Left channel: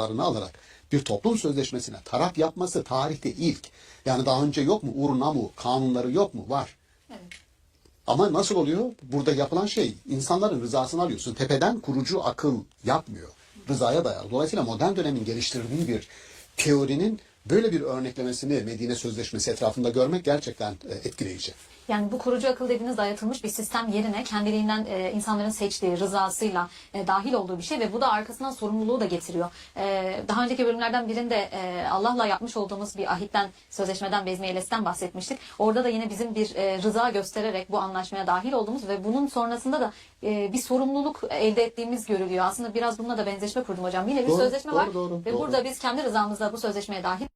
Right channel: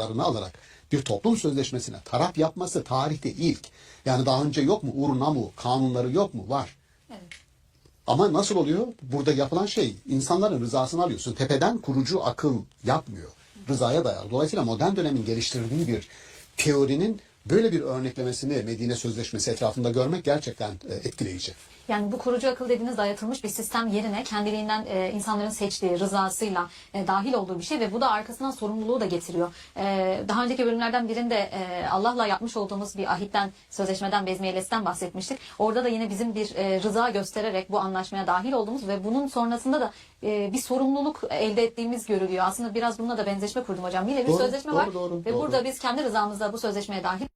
alarak bir toplum sözleşmesine taraf yapması tarihte ilk. Yani daha önce yok mu? Ur-Nammu kanunları yok mu? Var. Evet. Ama nasıl oluyor? Burada yapılan şey insanların rızasını alıyorsun. Tepeden kurucu akıl yapmıyor. Rızaya dayalı. Dolayısıyla modern dönemin geliştirdiği bir teorinin böyle bir örneklemesini Medine Sözleşmesi etrafında görmek gerçekten etkileyici. Yani bu kurucu akıl dediğiniz dayatılmış bir sistem yerine kendiliğinden insanların seçtiği, rızasıyla dahil olduğu bir şey ve bu da arkasından sorumluluğu da getiriyor. Daha önceki bölümlerden birinde Allah'la yapmış olduğumuz bir ahitten, sözleşmeden, bezmiyelesinden bahsetmiştik. Orada da yine bizim bir rıza göstererek bu anlaşmaya dahil olduğumuz ve bunun sonrasında da bir sorumluluk elde ettiğimiz görülüyor. Aslında biraz bununla da benzeşme kurdum hocam. Yine bir sözleşme var ve burada biz kendi rızamızla bu sözleşmeye dahil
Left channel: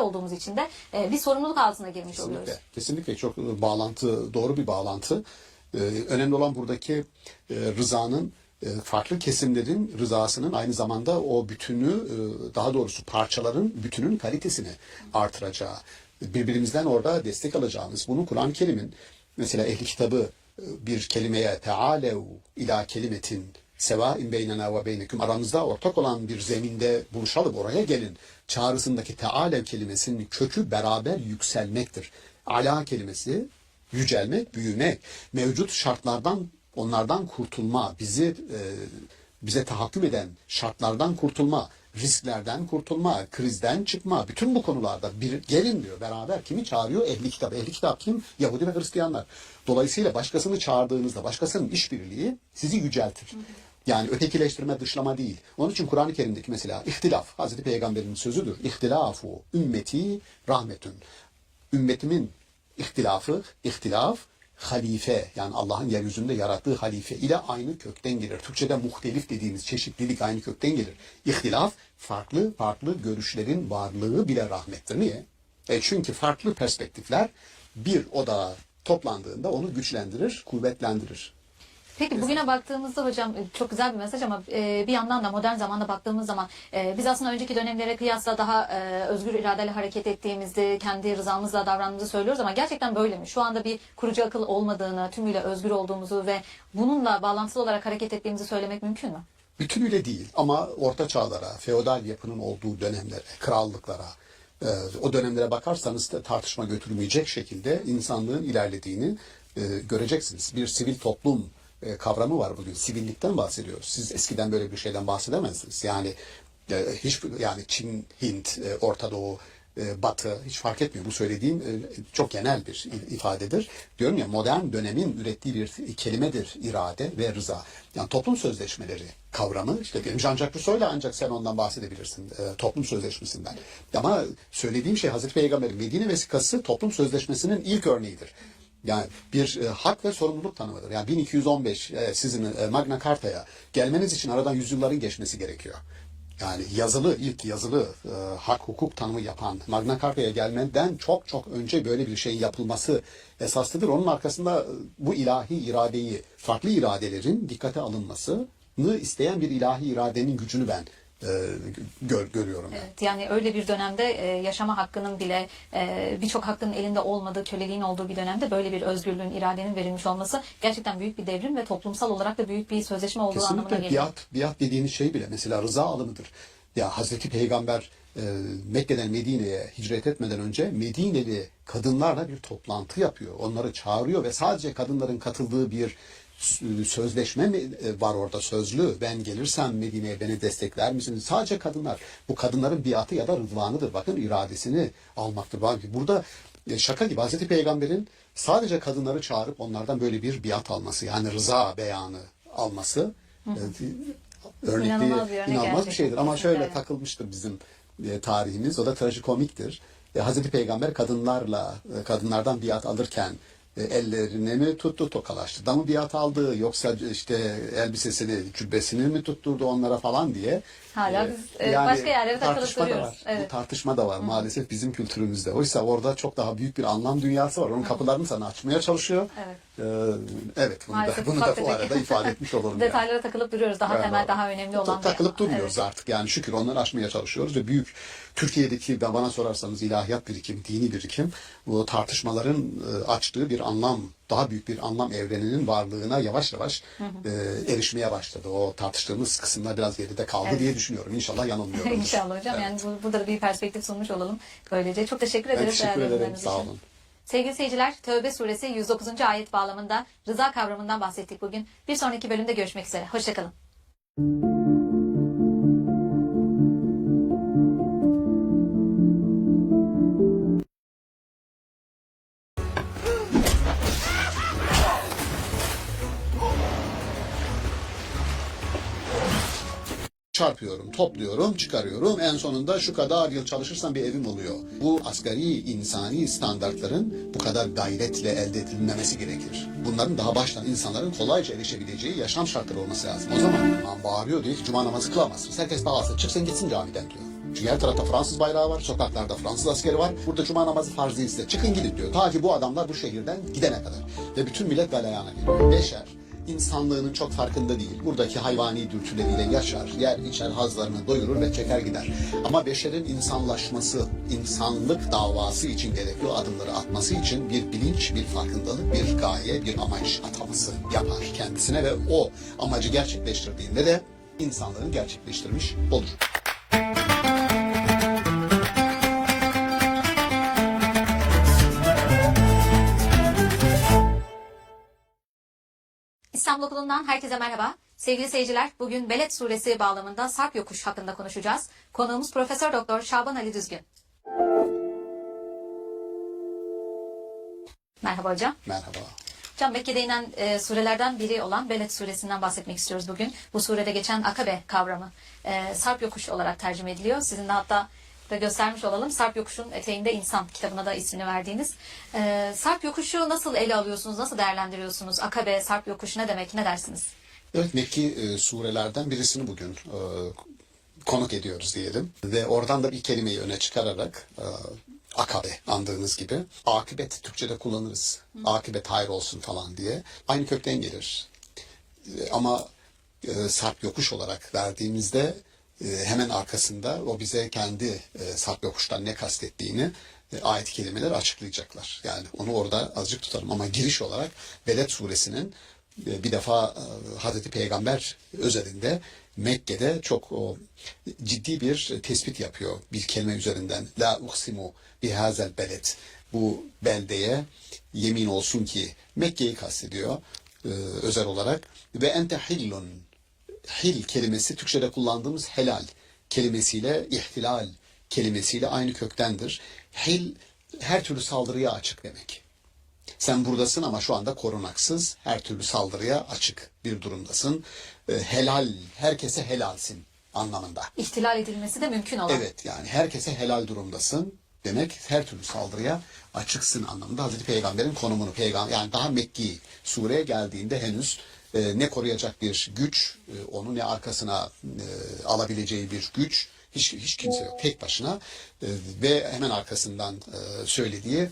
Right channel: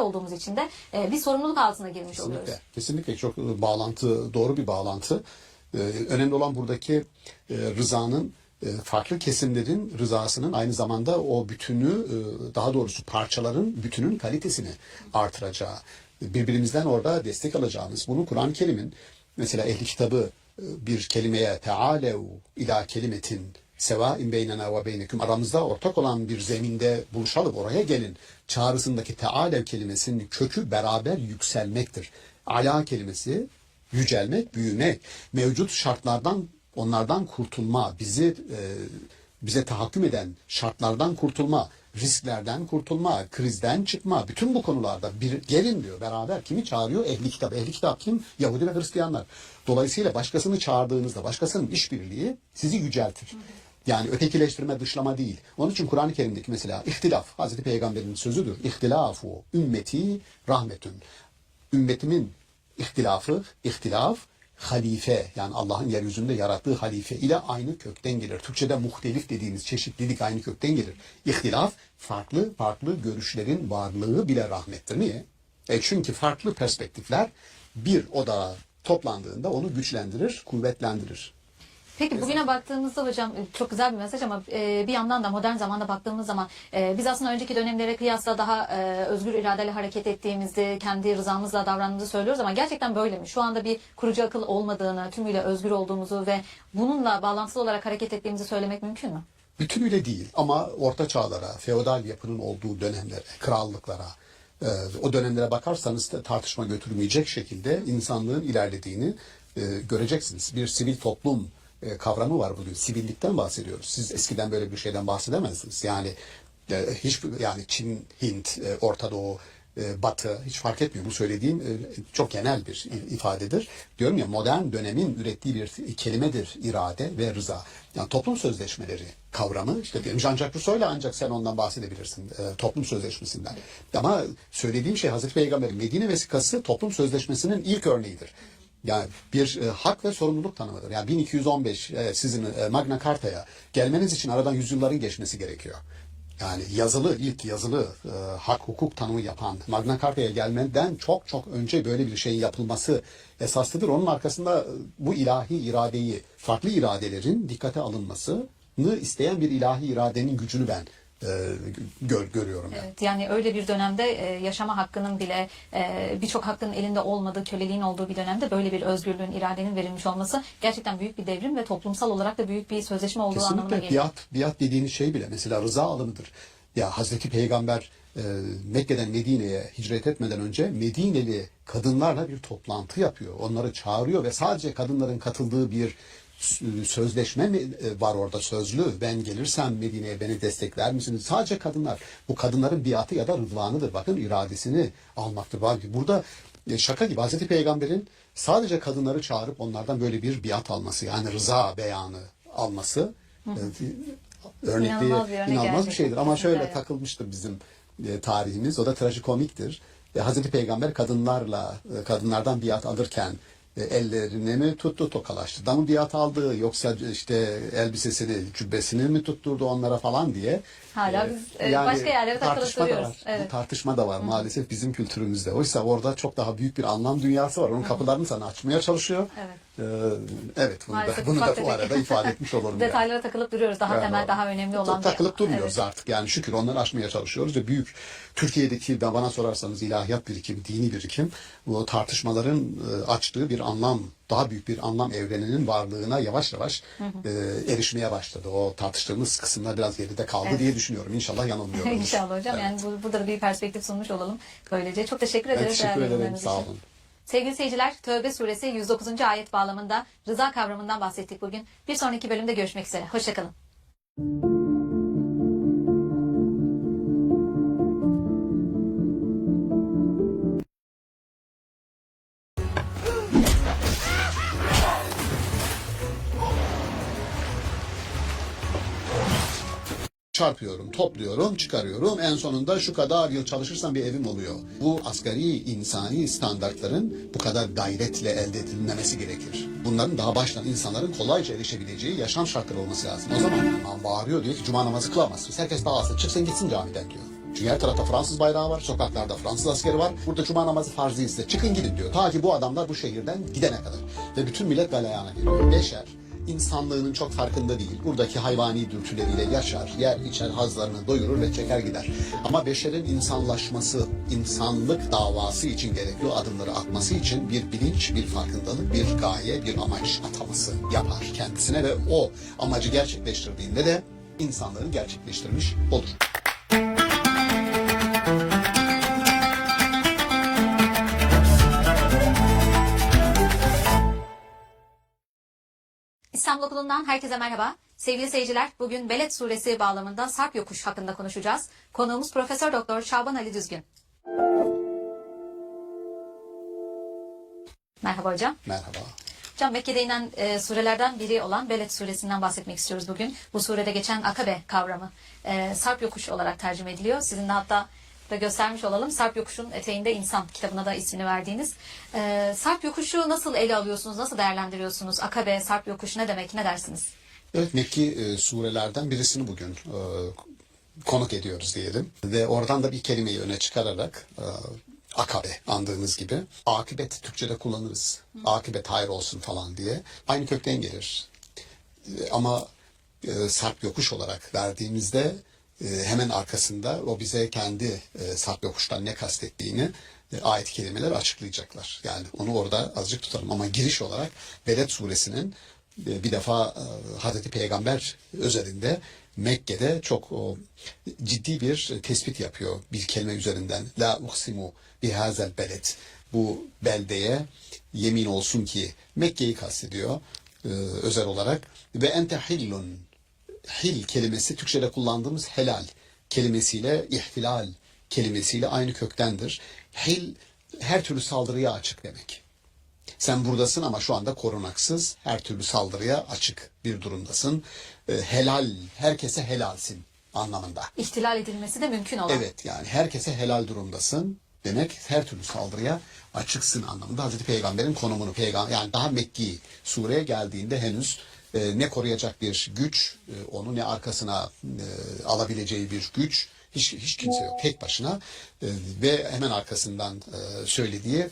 olduğumuz için de bir sorumluluk altına girmiş Kesinlikle, oluyoruz. kesinlikle çok bağlantı, doğru bir bağlantı. Önemli olan buradaki rızanın farklı kesimlerin rızasının aynı zamanda o bütünü, daha doğrusu parçaların bütünün kalitesini artıracağı. Birbirimizden orada destek alacağımız. Bunu Kur'an-ı Kerim'in mesela ehli kitabı bir kelimeye tealev ila kelimetin sevain beynena ve beyneküm aramızda ortak olan bir zeminde buluşalım, oraya gelin çağrısındaki tealev kelimesinin kökü beraber yükselmektir. Ala kelimesi yücelmek, büyümek, mevcut şartlardan onlardan kurtulma, bize tahakküm eden şartlardan kurtulma, risklerden kurtulma, krizden çıkma, bütün bu konularda bir gelin diyor beraber. Kimi çağırıyor? Ehli kitap. Ehli kitap kim? Yahudi ve Hristiyanlar. Dolayısıyla başkasını çağırdığınızda, başkasının işbirliği sizi yüceltir. Yani ötekileştirme, dışlama değil. Onun için Kur'an-ı Kerim'deki mesela ihtilaf, Hazreti Peygamber'in sözüdür. İhtilafu ümmeti rahmetün. Ümmetimin ihtilaf, halife, yani Allah'ın yeryüzünde yarattığı halife ile aynı kökten gelir. Türkçe'de muhtelif dediğimiz çeşitlilik aynı kökten gelir. İhtilaf, farklı görüşlerin varlığı bile rahmettir. Niye? Çünkü farklı perspektifler bir odağa toplandığında onu güçlendirir, kuvvetlendirir. Peki bugüne baktığımızda hocam çok güzel bir mesaj ama bir yandan da modern zamanda baktığımız zaman biz aslında önceki dönemlere kıyasla daha özgür iradeyle hareket ettiğimizi, kendi rızamızla davrandığımızı söylüyoruz ama gerçekten böyle mi? Şu anda bir kurucu akıl olmadığını, tümüyle özgür olduğumuzu ve bununla bağlantılı olarak hareket ettiğimizi söylemek mümkün mü? Bütünüyle değil ama orta çağlara, feodal yapının olduğu dönemlere, krallıklara, o dönemlere bakarsanız da tartışma götürmeyecek şekilde insanlığın ilerlediğini göreceksiniz. Bir sivil toplum kavramı var bugün. Sivillikten bahsediyoruz. Siz eskiden böyle bir şeyden bahsedemezdiniz. Yani yani Çin, Hint, Orta Doğu, Batı hiç fark etmiyor. Bu söylediğim çok genel bir ifadedir. Diyorum ya modern dönemin ürettiği bir kelimedir irade ve rıza. Yani toplum sözleşmeleri kavramı işte diyelim Jean-Jacques Rousseau'yla ancak sen ondan bahsedebilirsin toplum sözleşmesinden. Ama söylediğim şey Hazreti Peygamber'in Medine vesikası toplum sözleşmesinin ilk örneğidir. Yani bir hak ve sorumluluk tanımıdır. Yani 1215 sizin Magna Carta'ya gelmeniz için aradan yüzyılların geçmesi gerekiyor. Yani ilk yazılı hak hukuk tanımı yapan Magna Carta'ya gelmeden çok önce böyle bir şeyin yapılması esaslıdır. Onun arkasında bu ilahi iradeyi, farklı iradelerin dikkate alınmasını isteyen bir ilahi iradenin gücünü ben görüyorum. Evet, yani öyle bir dönemde yaşama hakkının bile birçok hakkın elinde olmadığı, köleliğin olduğu bir dönemde böyle bir özgürlüğün, iradenin verilmiş olması gerçekten büyük bir devrim ve toplumsal olarak da büyük bir sözleşme olduğu anlamına geliyor. Biat dediğiniz şey bile mesela rıza alımıdır. Ya Hazreti Peygamber Mekke'den Medine'ye hicret etmeden önce Medineli kadınlarla bir toplantı yapıyor. Onları çağırıyor ve sadece kadınların katıldığı bir sözleşme mi var orada sözlü? Ben gelirsem Medine'ye beni destekler misiniz? Sadece kadınlar. Bu kadınların biatı ya da rıdvanıdır. Bakın iradesini almaktır. Burada şaka gibi Hazreti Peygamber'in sadece kadınları çağırıp onlardan böyle bir biat alması yani rıza beyanı alması inanılmaz bir şeydir. Ama şöyle takılmıştır bizim tarihimiz. O da trajikomiktir. Hazreti Peygamber kadınlardan biat alırken ellerini mi tuttu, tokalaştı da mı biat aldı yoksa işte elbisesini, cübbesini mi tutturdu onlara falan diye. Hala biz yani başka yerlere takılıp duruyoruz. Evet. Bu tartışma da var maalesef bizim kültürümüzde. Oysa orada çok daha büyük bir anlam dünyası var. Onun kapılarını sana açmaya çalışıyor. Evet. Evet, Maalesef bunu da ufak bu tefek arada ifade etmiş olalım. detaylara takılıp duruyoruz. Daha temel, daha önemli olan Takılıp bir... durmuyoruz Evet. artık. Yani şükür onları aşmaya çalışıyoruz ve büyük Türkiye'deki bana sorarsanız ilahiyat birikim, dini birikim bu tartışmaların açtığı bir anlam, daha büyük bir anlam evreninin varlığına yavaş yavaş erişmeye başladı. O tartıştığımız kısımlar biraz geride kaldı diye düşünüyorum. İnşallah yanılmıyoruz. İnşallah hocam. Evet. Yani burada da bir perspektif sunmuş olalım. Böylece çok teşekkür Ben ederiz. teşekkür değerli ederim. yorumlarınız Sağ için. olun. Sevgili seyirciler, Tövbe suresi 109. ayet bağlamında rıza kavramından bahsettik bugün. Bir sonraki bölümde görüşmek üzere. Hoşçakalın. Çarpıyorum, topluyorum, çıkarıyorum. En sonunda şu kadar yıl çalışırsam bir evim oluyor. Bu asgari insani standartların bu kadar gayretle elde edilmemesi gerekir. Bunların daha baştan insanların kolayca erişebileceği yaşam şartları olması lazım. O zaman imam bağırıyor diyor ki cuma namazı kılamazsınız. Herkes dağılsın, çıksın gitsin camiden diyor. Çünkü her tarafta Fransız bayrağı var, sokaklarda Fransız askeri var. Burada cuma namazı farz değilse çıkın gidin diyor. Ta ki bu adamlar bu şehirden gidene kadar. Ve bütün millet galeyana geliyor. Beşer insanlığının çok farkında değil. Buradaki hayvani dürtüleriyle yaşar, yer içer, hazlarını doyurur ve çeker gider. Ama beşerin insanlaşması, insanlık davası için gerekiyor adımları atması için bir bilinç, bir farkındalık, bir gaye, bir amaç ataması yapar kendisine ve o amacı gerçekleştirdiğinde de insanlığını gerçekleştirmiş olur. İstanbul Okulu'ndan herkese merhaba. Sevgili seyirciler, bugün Beled suresi bağlamında Sarp yokuş hakkında konuşacağız. Konuğumuz Profesör Doktor Şaban Ali Düzgün. Merhaba hocam. Merhaba. Hocam Mekke'de inen surelerden biri olan Beled suresinden bahsetmek istiyoruz bugün. Bu surede geçen akabe kavramı Sarp yokuş olarak tercüme ediliyor. Sizin de hatta da göstermiş olalım. Sarp yokuşun eteğinde insan kitabına da ismini verdiğiniz. Sarp yokuşu nasıl ele alıyorsunuz? Nasıl değerlendiriyorsunuz? Akabe, Sarp yokuş ne demek? Ne dersiniz? Evet, Mekki surelerden birisini bugün konuk ediyoruz diyelim. Ve oradan da bir kelimeyi öne çıkararak akabe andığınız gibi akıbet Türkçe'de kullanırız. Akıbet hayır olsun falan diye. Aynı kökten gelir. Ama sarp yokuş olarak verdiğimizde hemen arkasında o bize kendi sarp yokuştan ne kastettiğini ayet-i kerimeler açıklayacaklar. Yani onu orada azıcık tutalım ama giriş olarak Beled suresinin bir defa Hazreti Peygamber özelinde Mekke'de çok ciddi bir tespit yapıyor bir kelime üzerinden. La uksimu bihazel beled. Bu beldeye yemin olsun ki Mekke'yi kastediyor özel olarak. Ve ente hillun. Hil kelimesi Türkçe'de kullandığımız helal kelimesiyle ihtilal kelimesiyle aynı köktendir. Hil her türlü saldırıya açık demek. Sen buradasın ama şu anda korunaksız, her türlü saldırıya açık bir durumdasın. Helal, herkese helalsin anlamında. İhtilal edilmesi de mümkün olan. Evet, yani herkese helal durumdasın demek, her türlü saldırıya açıksın anlamında. Hazreti Peygamber'in konumunu, yani daha Mekki sureye geldiğinde henüz ne koruyacak bir güç, onu ne arkasına alabileceği bir güç, hiç kimse yok. Tek başına ve hemen arkasından söylediği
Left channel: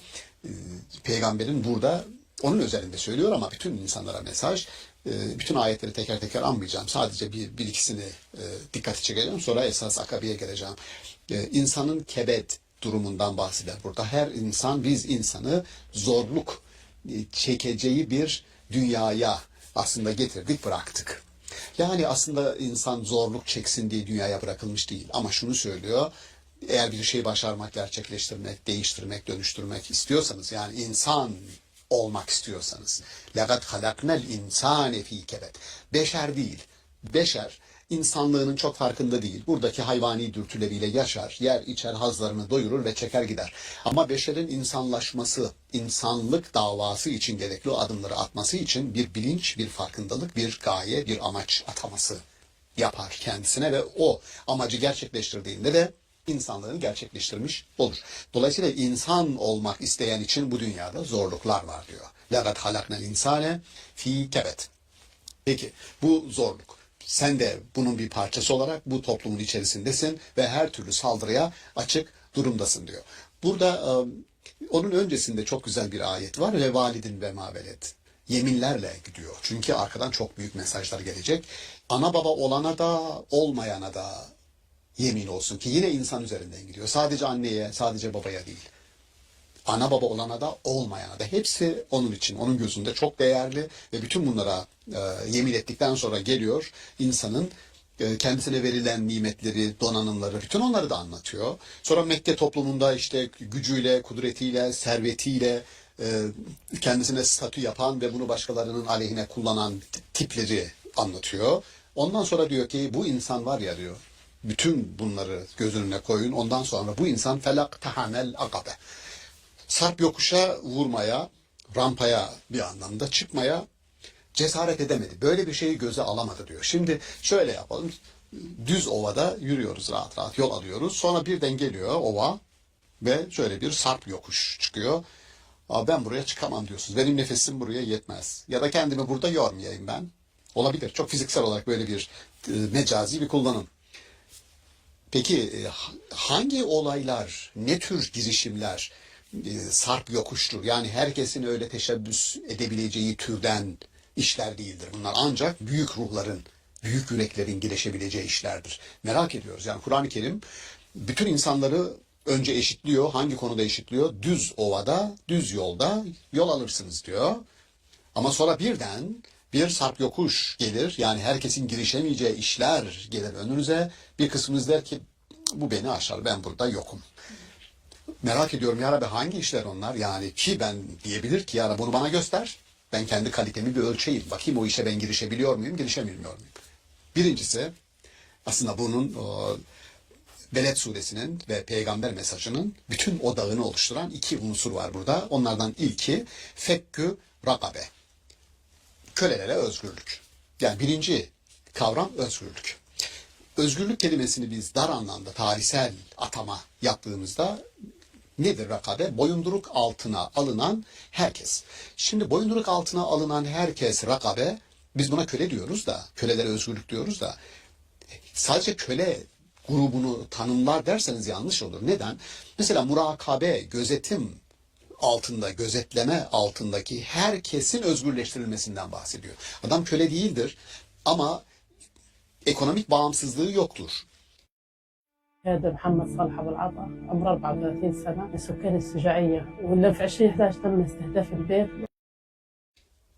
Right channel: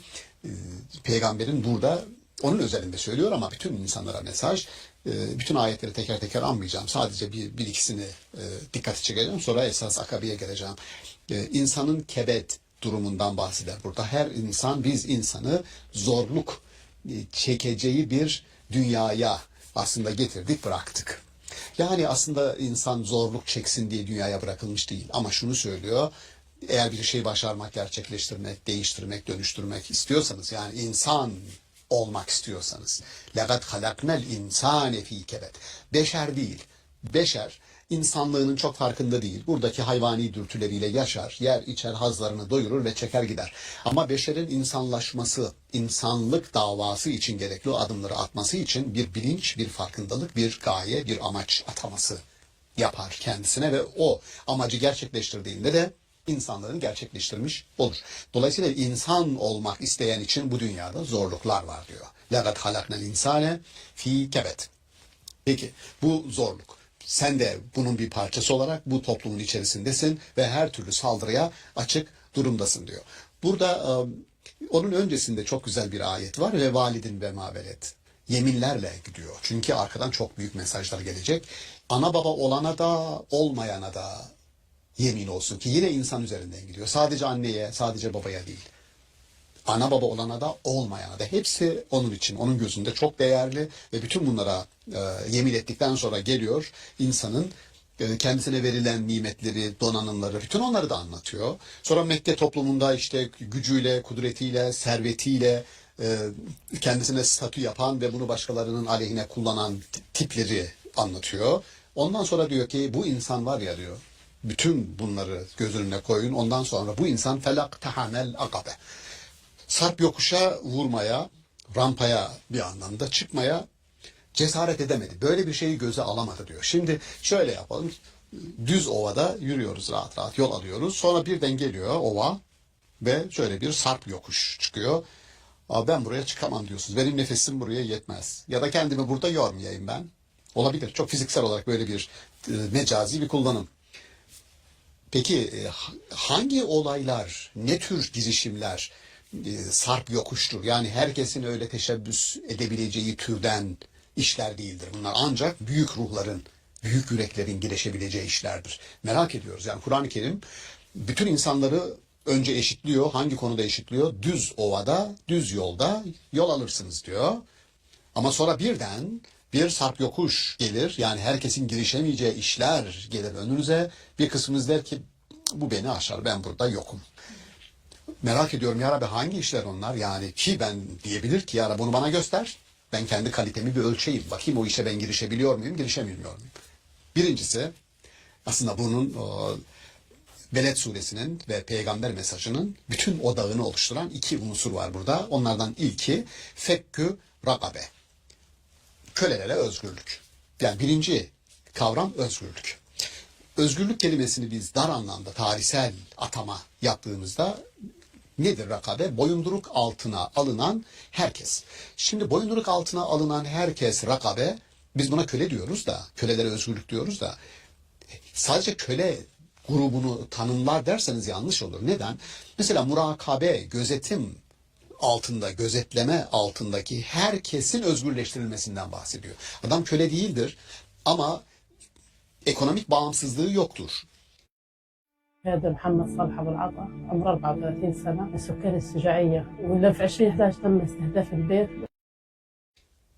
Peygamberin burada onun özelinde söylüyor ama bütün insanlara mesaj. Bütün ayetleri teker teker anmayacağım. Sadece bir ikisini dikkati çekeceğim. Sonra esas akabeye geleceğim. İnsanın kebet durumundan bahseder burada. Her insan, biz insanı zorluk çekeceği bir dünyaya aslında getirdik, bıraktık. Yani aslında insan zorluk çeksin diye dünyaya bırakılmış değil. Ama şunu söylüyor. Eğer bir şey başarmak, gerçekleştirmek, değiştirmek, dönüştürmek istiyorsanız, yani insan olmak istiyorsanız, لَقَدْ خَلَقْنَا الْاِنْسَانَ ف۪ي كَبَدٍ. Beşer değil. Beşer insanlığının çok farkında değil. Buradaki hayvani dürtüleriyle yaşar, yer içer, hazlarını doyurur ve çeker gider. Ama beşerin insanlaşması, insanlık davası için gerekli o adımları atması için bir bilinç, bir farkındalık, bir gaye, bir amaç ataması yapar kendisine ve o amacı gerçekleştirdiğinde de insanlığını gerçekleştirmiş olur. Dolayısıyla insan olmak isteyen için bu dünyada zorluklar var diyor. لَقَدْ خَلَقْنَا الْاِنْسَانَ ف۪ي كَبَدٍ. Peki bu zorluk. Sen de bunun bir parçası olarak bu toplumun içerisindesin ve her türlü saldırıya açık durumdasın diyor. Burada onun öncesinde çok güzel bir ayet var ve validin ve mavelet. yeminlerle gidiyor. Çünkü arkadan çok büyük mesajlar gelecek. Ana baba olana da olmayana da yemin olsun ki yine insan üzerinden gidiyor. Sadece anneye, sadece babaya değil. Ana baba olana da olmayana da hepsi onun için, onun gözünde çok değerli ve bütün bunlara yemin ettikten sonra geliyor insanın kendisine verilen nimetleri, donanımları, bütün onları da anlatıyor. Sonra Mekke toplumunda işte gücüyle, kudretiyle, servetiyle kendisine statü yapan ve bunu başkalarının aleyhine kullanan tipleri anlatıyor. Ondan sonra diyor ki bu insan var ya diyor, bütün bunları göz önüne koyun. Ondan sonra bu insan felak tahamel akabe. Sarp yokuşa vurmaya, rampaya bir anlamda çıkmaya cesaret edemedi. Böyle bir şeyi göze alamadı diyor. Şimdi şöyle yapalım. Düz ovada yürüyoruz rahat rahat yol alıyoruz. Sonra birden geliyor ova ve şöyle bir sarp yokuş çıkıyor. Aa, ben buraya çıkamam diyorsunuz. Benim nefesim buraya yetmez. Ya da kendimi burada yormayayım ben. Olabilir. Çok fiziksel olarak böyle bir mecazi bir kullanım. Peki hangi olaylar, ne tür girişimler sarp yokuştur? Yani herkesin öyle teşebbüs edebileceği türden işler değildir. Bunlar ancak büyük ruhların, büyük yüreklerin girişebileceği işlerdir. Merak ediyoruz. Yani Kur'an-ı Kerim bütün insanları önce eşitliyor. Hangi konuda eşitliyor? Düz ovada, düz yolda yol alırsınız diyor. Ama sonra birden bir sarp yokuş gelir. Yani herkesin girişemeyeceği işler gelir önünüze. Bir kısmınız der ki bu beni aşar, ben burada yokum. Merak ediyorum ya Rabbi hangi işler onlar? Yani ki ben diyebilir ki ya Rabbi bunu bana göster. Ben kendi kalitemi bir ölçeyim. Bakayım o işe ben girişebiliyor muyum, girişemiyor muyum? Birincisi aslında bunun Beled suresinin ve peygamber mesajının bütün odağını oluşturan iki unsur var burada. Onlardan ilki fekkü rakabe. Kölelere özgürlük. Yani birinci kavram özgürlük. Özgürlük kelimesini biz dar anlamda tarihsel atama yaptığımızda nedir rakabe? Boyunduruk altına alınan herkes. Şimdi boyunduruk altına alınan herkes rakabe, biz buna köle diyoruz da, kölelere özgürlük diyoruz da, sadece köle grubunu tanımlar derseniz yanlış olur. Neden? Mesela murakabe, gözetim altında, gözetleme altındaki herkesin özgürleştirilmesinden bahsediyor. Adam köle değildir ama ekonomik bağımsızlığı yoktur. هذا محمد صالح أبو العطا عمره 34 سنة من سكان الشجاعية ولا في 2011 تم استهداف البيت.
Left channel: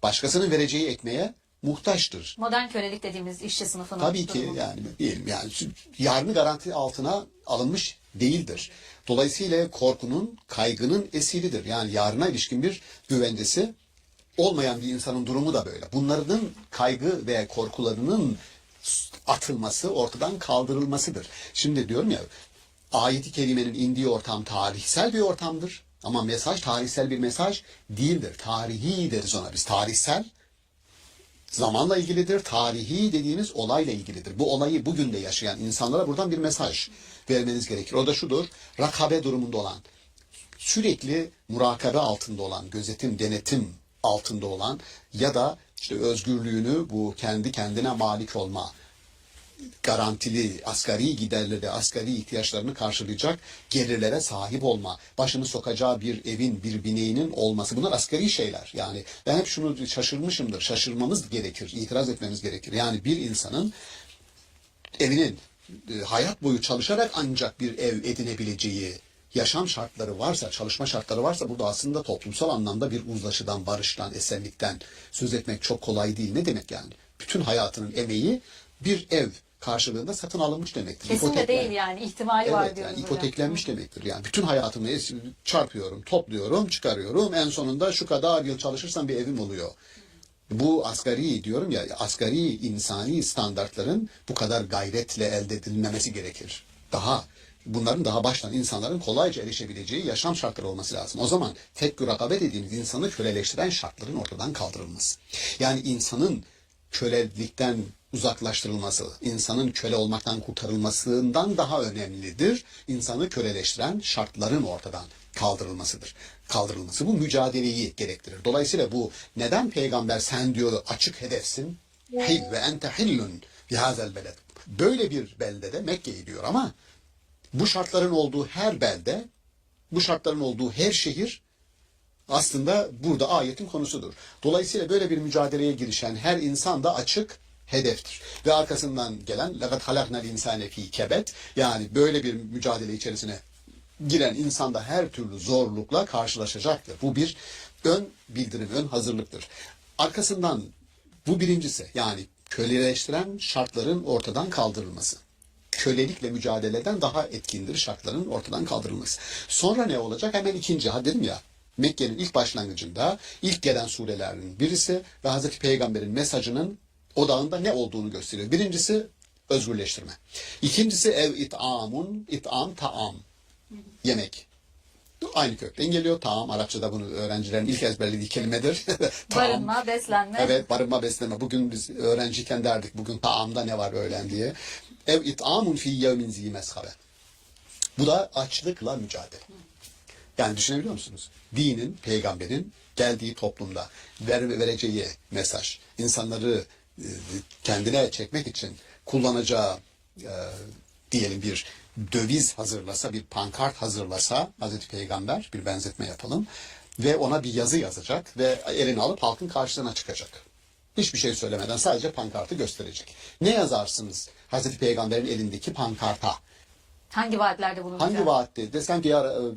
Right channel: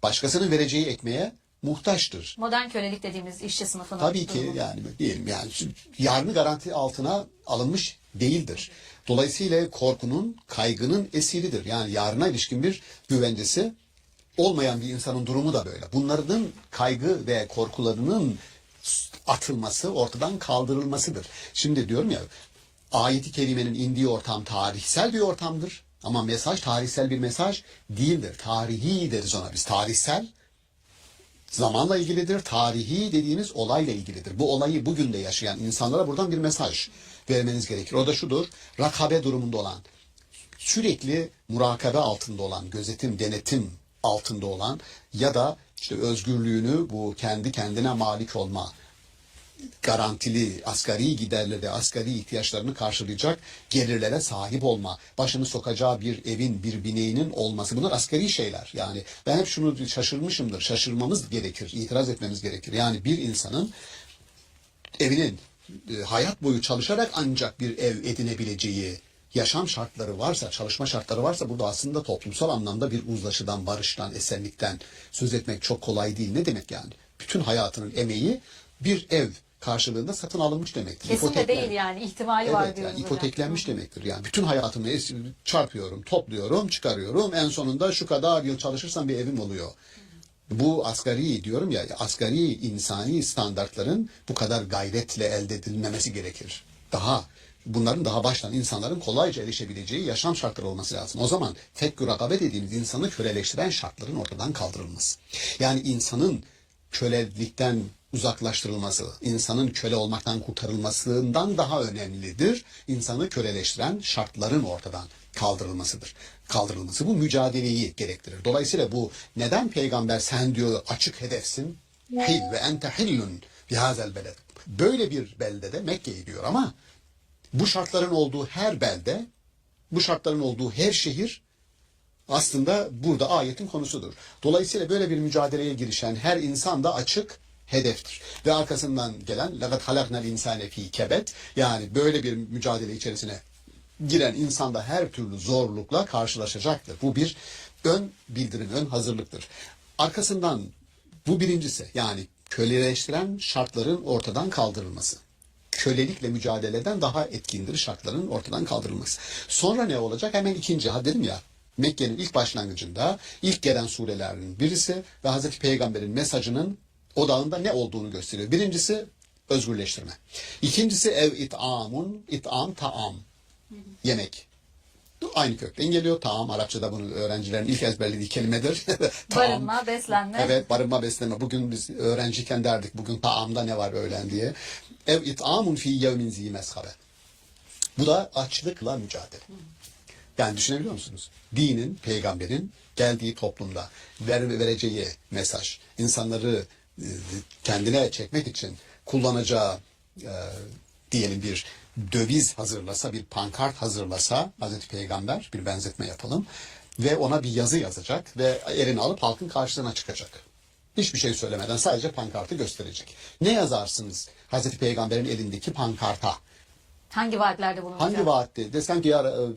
Başkasının vereceği ekmeğe muhtaçtır. Modern kölelik dediğimiz işçi sınıfının Tabii ki durumu. yani diyelim yani yarını garanti altına alınmış değildir. Dolayısıyla korkunun, kaygının esiridir. Yani yarına ilişkin bir güvencesi olmayan bir insanın durumu da böyle. Bunların kaygı ve korkularının atılması, ortadan kaldırılmasıdır. Şimdi diyorum ya, ayeti kerimenin indiği ortam tarihsel bir ortamdır. Ama mesaj tarihsel bir mesaj değildir. Tarihi deriz ona biz. Tarihsel zamanla ilgilidir. Tarihi dediğimiz olayla ilgilidir. Bu olayı bugün de yaşayan insanlara buradan bir mesaj vermeniz gerekir. O da şudur: rakabe durumunda olan, sürekli murakabe altında olan, gözetim, denetim altında olan ya da işte özgürlüğünü, bu kendi kendine malik olma, garantili asgari giderleri, asgari ihtiyaçlarını karşılayacak gelirlere sahip olma, başını sokacağı bir evin, bir bineğinin olması, bunlar asgari şeyler. Yani ben hep şunu şaşırmışımdır, şaşırmamız gerekir, itiraz etmemiz gerekir. Yani bir insanın evinin hayat boyu çalışarak ancak bir ev edinebileceği yaşam şartları varsa, çalışma şartları varsa, burada aslında toplumsal anlamda bir uzlaşıdan, barıştan, esenlikten söz etmek çok kolay değil. Ne demek yani? Bütün hayatının emeği bir ev karşılığında satın alınmış demektir. Kesin de İpotekler- değil yani ihtimali var Evet, diyoruz yani hocam. ipoteklenmiş demektir. Yani bütün hayatımı çarpıyorum, topluyorum, çıkarıyorum. En sonunda şu kadar yıl çalışırsam bir evim oluyor. Bu asgari diyorum ya, asgari insani standartların bu kadar gayretle elde edilmemesi gerekir. Bunların daha baştan insanların kolayca erişebileceği yaşam şartları olması lazım. O zaman fekkü rakabe dediğimiz insanı köleleştiren şartların ortadan kaldırılması. Yani insanın kölelikten uzaklaştırılması, insanın köle olmaktan kurtarılmasından daha önemlidir. İnsanı köleleştiren şartların ortadan kaldırılması bu mücadeleyi gerektirir. Dolayısıyla bu neden peygamber sen diyor açık hedefsin? Hil ve ente hillun bihazel beled. Böyle bir beldede Mekke'yi diyor ama bu şartların olduğu her belde, bu şartların olduğu her şehir aslında burada ayetin konusudur. Dolayısıyla böyle bir mücadeleye girişen her insan da açık hedeftir. Ve arkasından gelen لَقَدْ خَلَقْنَا الْاِنْسَانَ ف۪ي كَبَدٍ, yani böyle bir mücadele içerisine giren insan da her türlü zorlukla karşılaşacaktır. Bu bir ön bildirim, ön hazırlıktır. Arkasından bu birincisi, yani köleleştiren şartların ortadan kaldırılması. Kölelikle mücadeleden daha etkindir şartların ortadan kaldırılması. Sonra ne olacak? Hemen ikinci, dedim ya, Mekke'nin ilk başlangıcında ilk gelen surelerin birisi ve Hazreti Peygamber'in mesajının odağında ne olduğunu gösteriyor. Birincisi özgürleştirme. İkincisi it'am, taam. Yemek. Aynı kökten geliyor. Taam, Arapçada bunu öğrencilerin ilk ezberlediği kelimedir. Barınma, beslenme. Evet, barınma, beslenme. Bugün biz öğrenciyken derdik, bugün taamda ne var öğlen diye. İt'amun fi yevmin zi meshabe. Bu da açlıkla mücadele. Yani düşünebiliyor musunuz? Dinin, peygamberin geldiği toplumda vereceği mesaj, insanları kendine çekmek için kullanacağı diyelim bir döviz hazırlasa, bir pankart hazırlasa Hazreti Peygamber, bir benzetme yapalım, ve ona bir yazı yazacak ve elini alıp halkın karşısına çıkacak. Hiçbir şey söylemeden sadece pankartı gösterecek. Ne yazarsınız Hazreti Peygamber'in elindeki pankarta? Hangi vaatlerde bulunacak? Hangi vaatte? Desem ki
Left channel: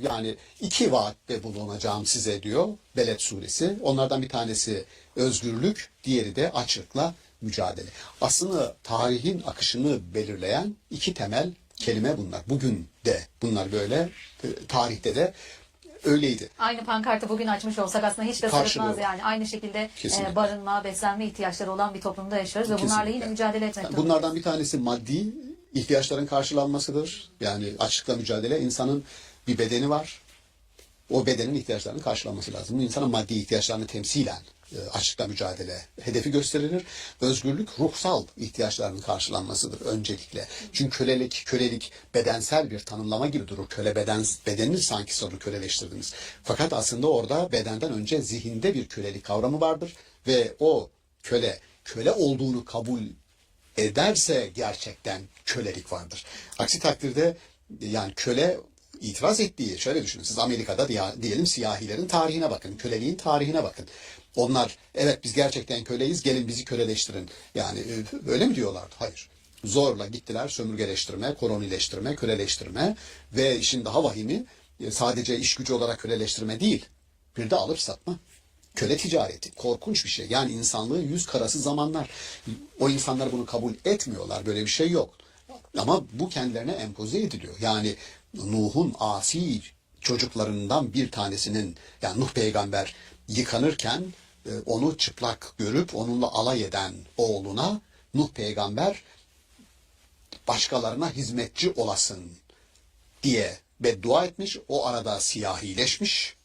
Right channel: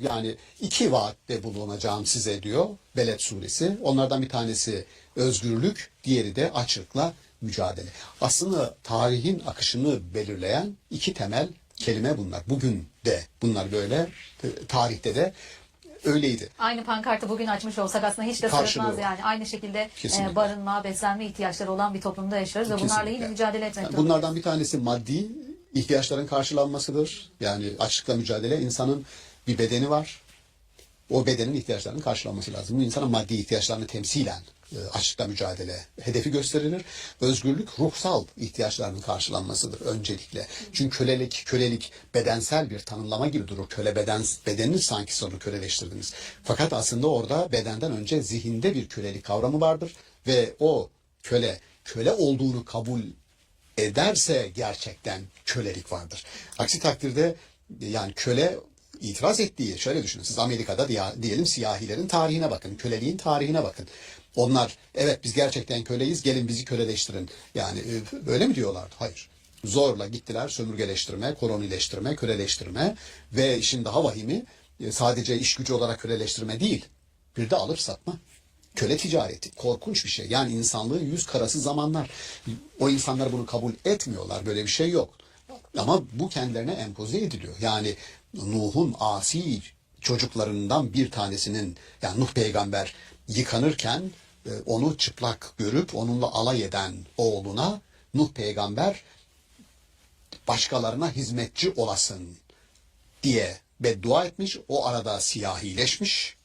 yani 2 vaatte bulunacağım size diyor Beled suresi. Onlardan bir tanesi özgürlük, diğeri de açlıkla mücadele. Aslında tarihin akışını belirleyen 2 temel kelime bunlar. Bugün de bunlar böyle, tarihte de öyleydi. Aynı pankartı bugün açmış olsak aslında hiç de Karşılığı sırıtmaz var. yani. Aynı şekilde Kesinlikle. barınma, beslenme ihtiyaçları olan bir toplumda yaşıyoruz ve bunlarla Kesinlikle. yine mücadele etmek durumundayız. Bunlardan bir tanesi maddi ihtiyaçların karşılanmasıdır. Yani açlıkla mücadele, insanın bir bedeni var. O bedenin ihtiyaçlarının karşılanması lazım. Bu insanın maddi ihtiyaçlarını temsilen açlıkla mücadele hedefi gösterilir. Özgürlük ruhsal ihtiyaçlarının karşılanmasıdır öncelikle. Çünkü kölelik bedensel bir tanımlama gibi durur. Bedenini sanki sonra köleleştirdiniz. Fakat aslında orada bedenden önce zihinde bir kölelik kavramı vardır ve o köle olduğunu kabul ederse gerçekten kölelik vardır. Aksi takdirde yani köle itiraz ettiği, şöyle düşünün, siz Amerika'da diyelim siyahilerin tarihine bakın, köleliğin tarihine bakın. Onlar evet biz gerçekten köleyiz, gelin bizi köleleştirin. Yani öyle mi diyorlardı? Hayır. Zorla gittiler sömürgeleştirme, kolonileştirme, köleleştirme ve işin daha vahimi sadece iş gücü olarak köleleştirme değil, bir de alıp satma. Köle ticareti korkunç bir şey. Yani insanlığın yüz karası zamanlar. O insanlar bunu kabul etmiyorlar. Böyle bir şey yok. Ama bu kendilerine empoze ediliyor. Yani Nuh'un asi çocuklarından bir tanesinin, yani Nuh peygamber yıkanırken onu çıplak görüp onunla alay eden oğluna Nuh peygamber başkalarına hizmetçi olasın diye beddua etmiş. O arada siyahileşmiş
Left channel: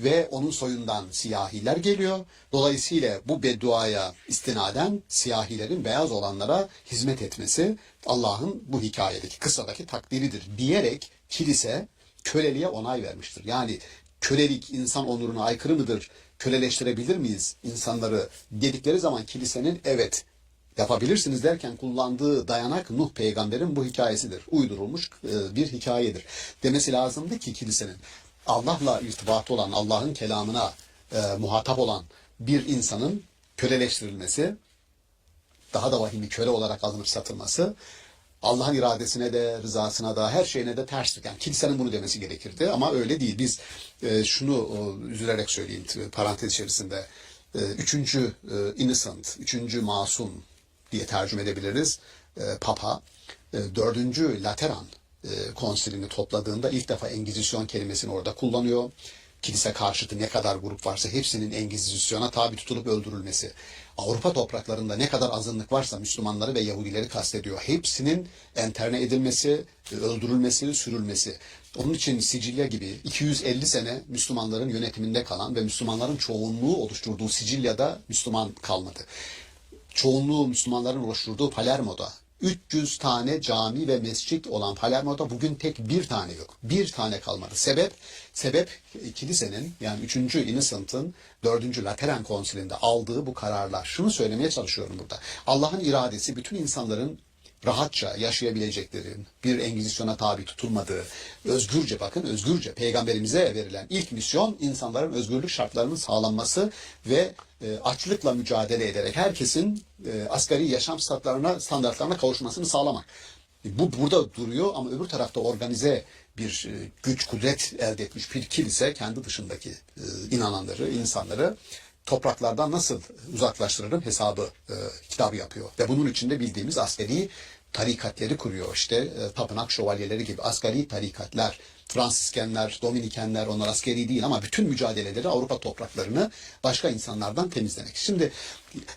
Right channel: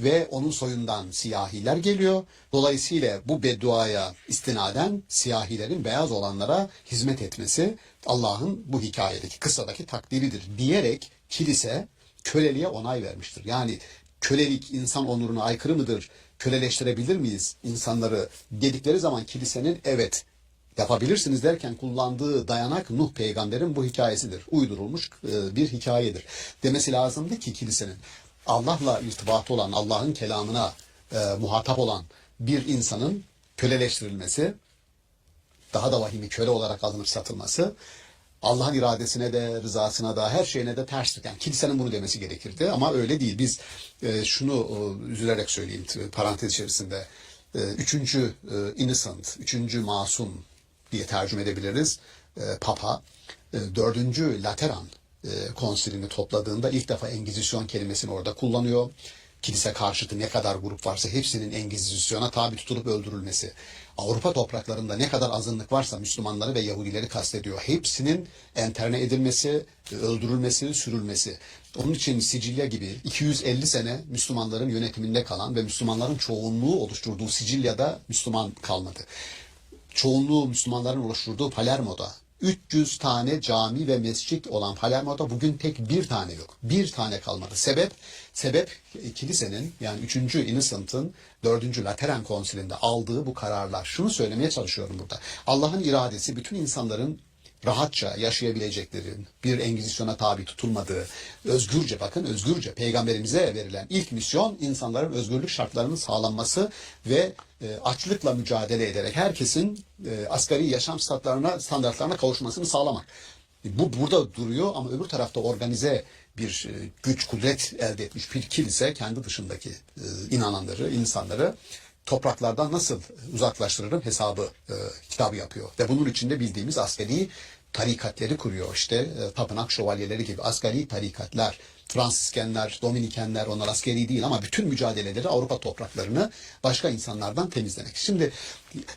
ve onun soyundan siyahiler geliyor. Dolayısıyla bu bedduaya istinaden siyahilerin beyaz olanlara hizmet etmesi Allah'ın bu hikayedeki, kıssadaki takdiridir diyerek kilise köleliğe onay vermiştir. Yani kölelik insan onuruna aykırı mıdır? Köleleştirebilir miyiz insanları dedikleri zaman kilisenin evet yapabilirsiniz derken kullandığı dayanak Nuh peygamberin bu hikayesidir. Uydurulmuş bir hikayedir. Demesi lazımdı ki kilisenin Allah'la irtibatı olan, Allah'ın kelamına muhatap olan bir insanın köleleştirilmesi, daha da vahimi köle olarak alınıp satılması, Allah'ın iradesine de, rızasına da, her şeyine de terstir. Yani kilisenin bunu demesi gerekirdi ama öyle değil. Biz şunu üzülerek söyleyeyim parantez içerisinde, üçüncü innocent, üçüncü masum diye tercüme edebiliriz. Papa, dördüncü Lateran konsilini topladığında ilk defa Engizisyon kelimesini orada kullanıyor. Kilise karşıtı ne kadar grup varsa hepsinin Engizisyon'a tabi tutulup öldürülmesi. Avrupa topraklarında ne kadar azınlık varsa Müslümanları ve Yahudileri kastediyor. Hepsinin enterne edilmesi, öldürülmesi, sürülmesi. Onun için Sicilya gibi 250 sene Müslümanların yönetiminde kalan ve Müslümanların çoğunluğu oluşturduğu Sicilya'da Müslüman kalmadı. Çoğunluğu Müslümanların oluşturduğu Palermo'da 300 tane cami ve mescit olan Palermo'da bugün tek bir tane yok. Bir tane kalmadı. Sebep kilisenin, yani 3. Innocent'ın 4. Lateran konsilinde aldığı bu kararlar. Şunu söylemeye çalışıyorum burada. Allah'ın iradesi bütün insanların rahatça yaşayabilecekleri, bir engizisyona tabi tutulmadığı, özgürce, bakın özgürce, peygamberimize verilen ilk misyon insanların özgürlük şartlarının sağlanması ve açlıkla mücadele ederek herkesin asgari yaşam standartlarına kavuşmasını sağlamak. Bu burada duruyor ama öbür tarafta organize bir güç, kudret elde etmiş bir kilise kendi dışındaki inananları, insanları topraklardan nasıl uzaklaştırırım hesabı kitabı yapıyor. Ve bunun içinde bildiğimiz askeri tarikatleri kuruyor. İşte tapınak şövalyeleri gibi askeri tarikatlar, Fransiskenler, Dominikenler, onlar askeri değil ama bütün mücadeleleri Avrupa topraklarını başka insanlardan temizlemek. Şimdi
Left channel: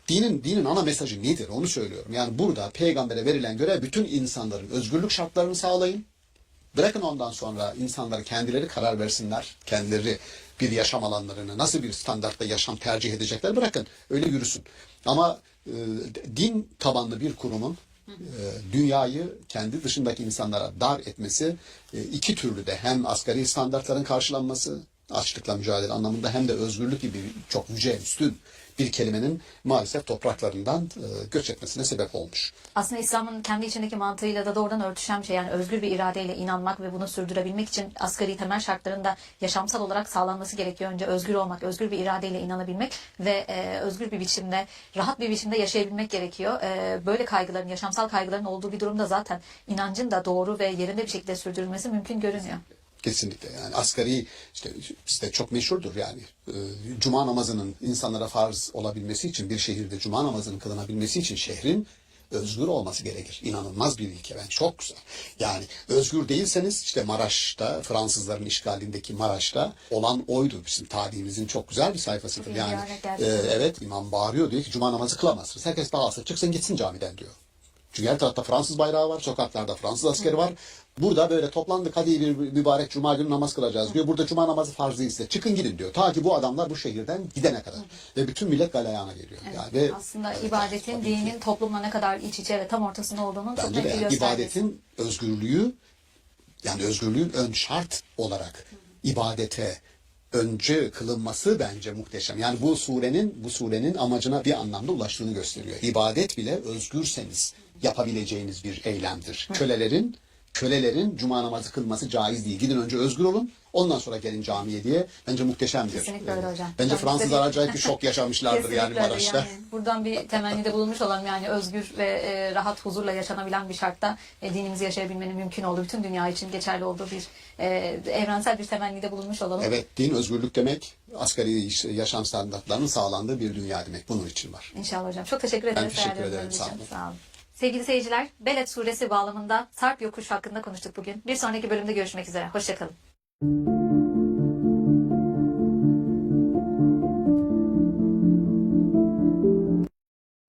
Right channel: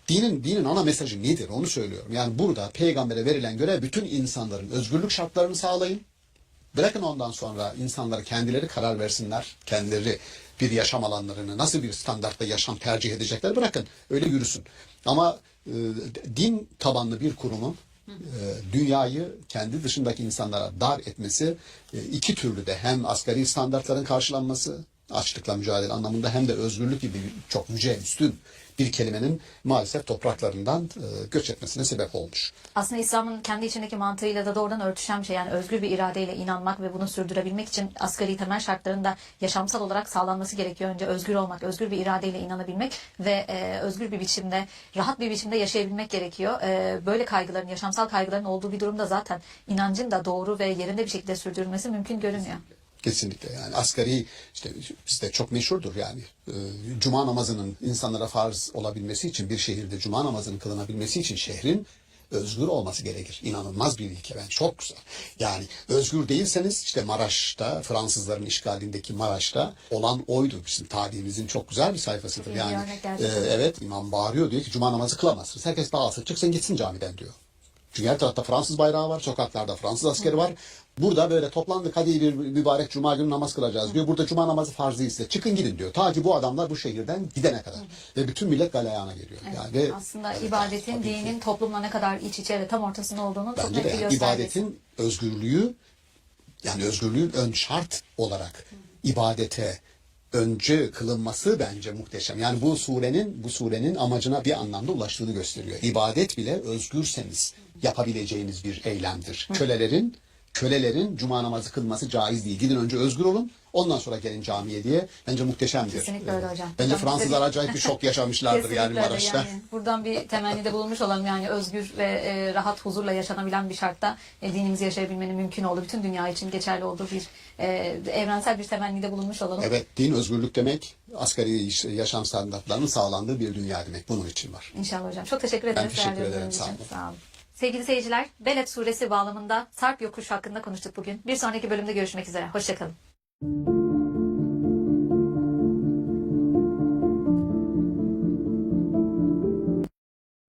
dinin ana mesajı nedir onu söylüyorum. Yani burada peygambere verilen görev bütün insanların özgürlük şartlarını sağlayın. Bırakın ondan sonra insanlar kendileri karar versinler. Kendileri bir yaşam alanlarını, nasıl bir standartta yaşam tercih edecekler bırakın. Öyle yürüsün. Ama din tabanlı bir kurumun dünyayı kendi dışındaki insanlara dar etmesi iki türlü de hem asgari standartların karşılanması, açlıkla mücadele anlamında hem de özgürlük gibi çok yüce, üstün bir kelimenin maalesef topraklarından göç etmesine sebep olmuş. Aslında İslam'ın kendi içindeki mantığıyla da doğrudan örtüşen bir şey. Yani özgür bir iradeyle inanmak ve bunu sürdürebilmek için asgari temel şartların da yaşamsal olarak sağlanması gerekiyor. Önce özgür olmak, özgür bir iradeyle inanabilmek ve özgür bir biçimde, rahat bir biçimde yaşayabilmek gerekiyor. Böyle kaygıların, yaşamsal kaygıların olduğu bir durumda zaten inancın da doğru ve yerinde bir şekilde sürdürülmesi mümkün görünüyor. Kesinlikle yani asgari işte bizde çok meşhurdur yani cuma namazının insanlara farz olabilmesi için bir şehirde cuma namazının kılınabilmesi için şehrin özgür olması gerekir. İnanılmaz bir ilke bence çok güzel. Yani özgür değilseniz işte Maraş'ta Fransızların işgalindeki Maraş'ta olan oydu bizim tarihimizin çok güzel bir sayfasıdır. Yani evet imam bağırıyor diyor ki cuma namazı kılamazsınız. Herkes dağılsın çıksın gitsin camiden diyor. Çünkü her tarafta Fransız bayrağı var, sokaklarda Fransız askeri var. Burada böyle toplandık hadi bir mübarek cuma günü namaz kılacağız diyor. Burada cuma namazı farz değilse çıkın gidin diyor. Ta ki bu adamlar bu şehirden gidene kadar. Ve bütün millet galeyana geliyor. Evet. Yani ve, aslında ibadetin, dinin toplumla ne kadar iç içe ve tam ortasında olduğunu çok bence net de bir yani göstergesi. ibadetin özgürlüğü yani özgürlüğün ön şart olarak ibadete önce kılınması bence muhteşem. Yani bu surenin amacına bir anlamda ulaştığını gösteriyor. İbadet bile özgürseniz yapabileceğiniz bir eylemdir. Kölelerin cuma namazı kılması caiz değil. Gidin önce özgür olun. Ondan sonra gelin camiye diye. Bence muhteşemdir. Kesinlikle öyle hocam. Bence Fransızlar acayip bir şok yaşamışlardır yani Kesinlikle öyle. Maraş'ta. Yani buradan bir temennide bulunmuş olalım yani özgür ve rahat huzurla yaşanabilen bir şartta dinimizi yaşayabilmenin mümkün olduğu, bütün dünya için geçerli olduğu bir evrensel bir temennide bulunmuş olalım. Evet, din özgürlük demek, asgari yaşam standartlarının sağlandığı bir dünya demek. Bunun için var. İnşallah hocam. Çok teşekkür ederiz. Ben teşekkür ederim. Değerlendirmeniz Sağ için. olun. Sağ olun. Sevgili seyirciler, Beled suresi bağlamında Sarp yokuş hakkında konuştuk bugün. Bir sonraki bölümde görüşmek üzere. Hoşçakalın.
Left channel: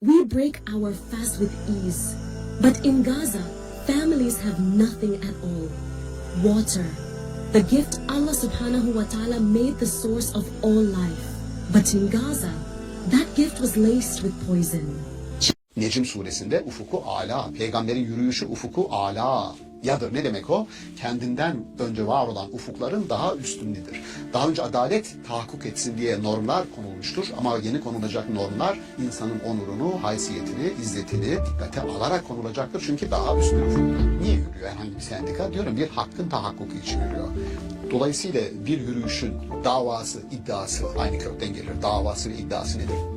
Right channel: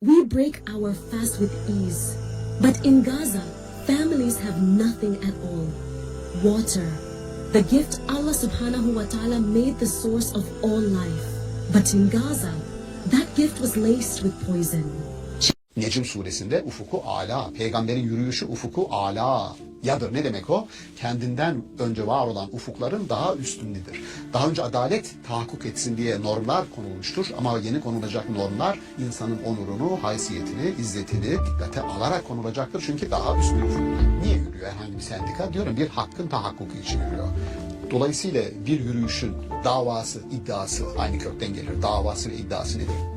We break our fast with ease, but in Gaza, families have nothing at all. Water, the gift Allah subhanahu wa ta'ala made the source of all life. But in Gaza, that gift was laced with poison. Necm suresinde ufuku ala, peygamberin yürüyüşü ufuku ala yadır. Ne demek o? Kendinden önce var olan ufukların daha üstündedir. Daha önce adalet tahakkuk etsin diye normlar konulmuştur ama yeni konulacak normlar insanın onurunu, haysiyetini, izzetini dikkate alarak konulacaktır. Çünkü daha üstün ufuk. Niye yürüyor herhangi bir sendika? Diyorum bir hakkın tahakkuku için yürüyor. Dolayısıyla bir yürüyüşün davası, iddiası aynı kökten gelir. Davası ve iddiası nedir?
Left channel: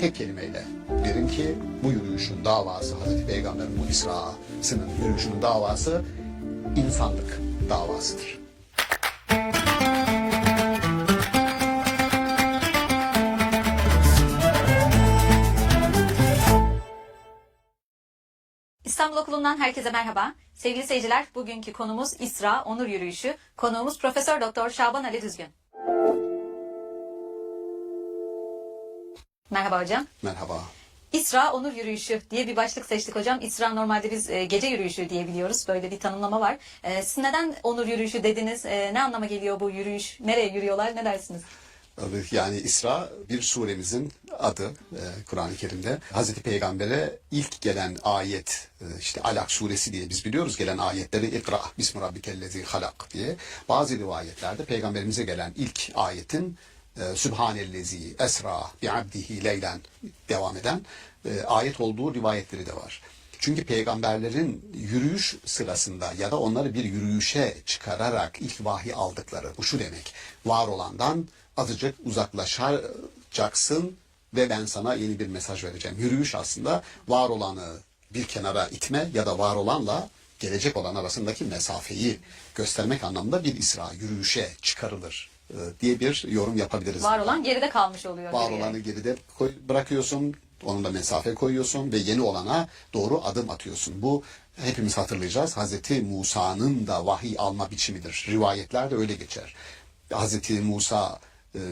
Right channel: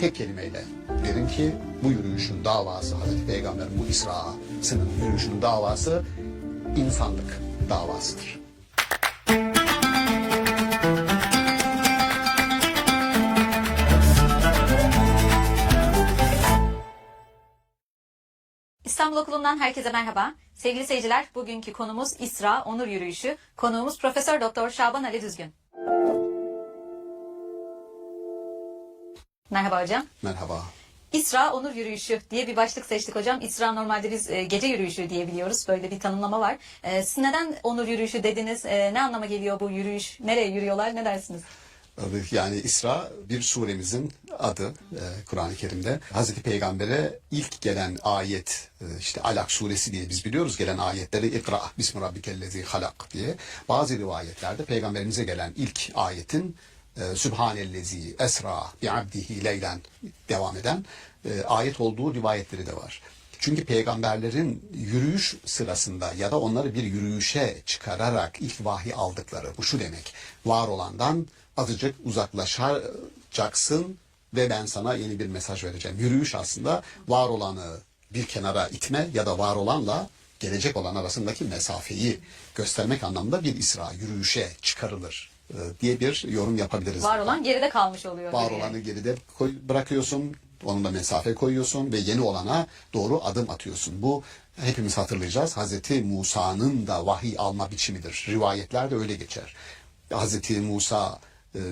Tek kelimeyle derim ki bu yürüyüşün davası Hazreti Peygamber'in bu İsra'sının yürüyüşünün davası insanlık davasıdır. İstanbul Okulu'ndan herkese merhaba. Sevgili seyirciler, bugünkü konumuz İsra Onur Yürüyüşü. Konuğumuz Profesör Doktor Şaban Ali Düzgün. Merhaba hocam. Merhaba. İsra Onur Yürüyüşü diye bir başlık seçtik hocam. İsra normalde biz gece yürüyüşü diye biliyoruz. Böyle bir tanımlama var. Siz neden Onur Yürüyüşü dediniz? Ne anlama geliyor bu yürüyüş? Nereye yürüyorlar? Ne dersiniz? Yani İsra bir suremizin adı Kur'an-ı Kerim'de. Hazreti Peygamber'e ilk gelen ayet işte Alak suresi diye biz biliyoruz gelen ayetleri İkra bismi rabbikellezi halak diye. Bazı rivayetlerde Peygamberimize gelen ilk ayetin Sübhanellezi esra bi abdihi leylen devam eden ayet olduğu rivayetleri de var. Çünkü peygamberlerin yürüyüş sırasında ya da onları bir yürüyüşe çıkararak ilk vahiy aldıkları, bu şu demek: var olandan azıcık uzaklaşacaksın ve ben sana yeni bir mesaj vereceğim. Yürüyüş aslında var olanı bir kenara itme ya da var olanla gelecek olan arasındaki mesafeyi göstermek anlamında bir isra, yürüyüşe çıkarılır diye bir yorum yapabiliriz. Var olan geride kalmış oluyor. Var geriye. olanı geride bırakıyorsun, onunla mesafe koyuyorsun ve yeni olana doğru adım atıyorsun. Bu hepimiz hatırlayacağız. Hazreti Musa'nın da vahiy alma biçimidir. Rivayetlerde öyle geçer. Hazreti Musa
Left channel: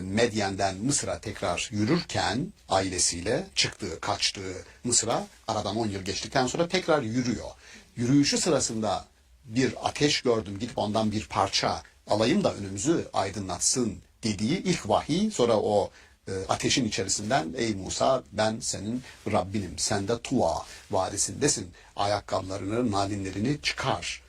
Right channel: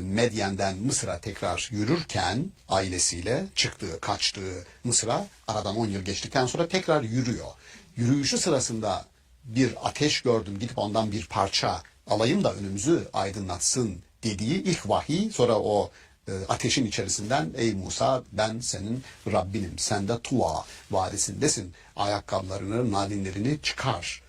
Medyen'den Mısır'a tekrar yürürken ailesiyle çıktığı, kaçtığı Mısır'a aradan 10 yıl geçtikten sonra tekrar yürüyor. Yürüyüşü sırasında bir ateş gördüm, gidip ondan bir parça alayım da önümüzü aydınlatsın dediği ilk vahiy, sonra o ateşin içerisinden ey Musa ben senin Rabbinim, sen de Tuva vadisindesin, ayakkabılarını, nalinlerini çıkar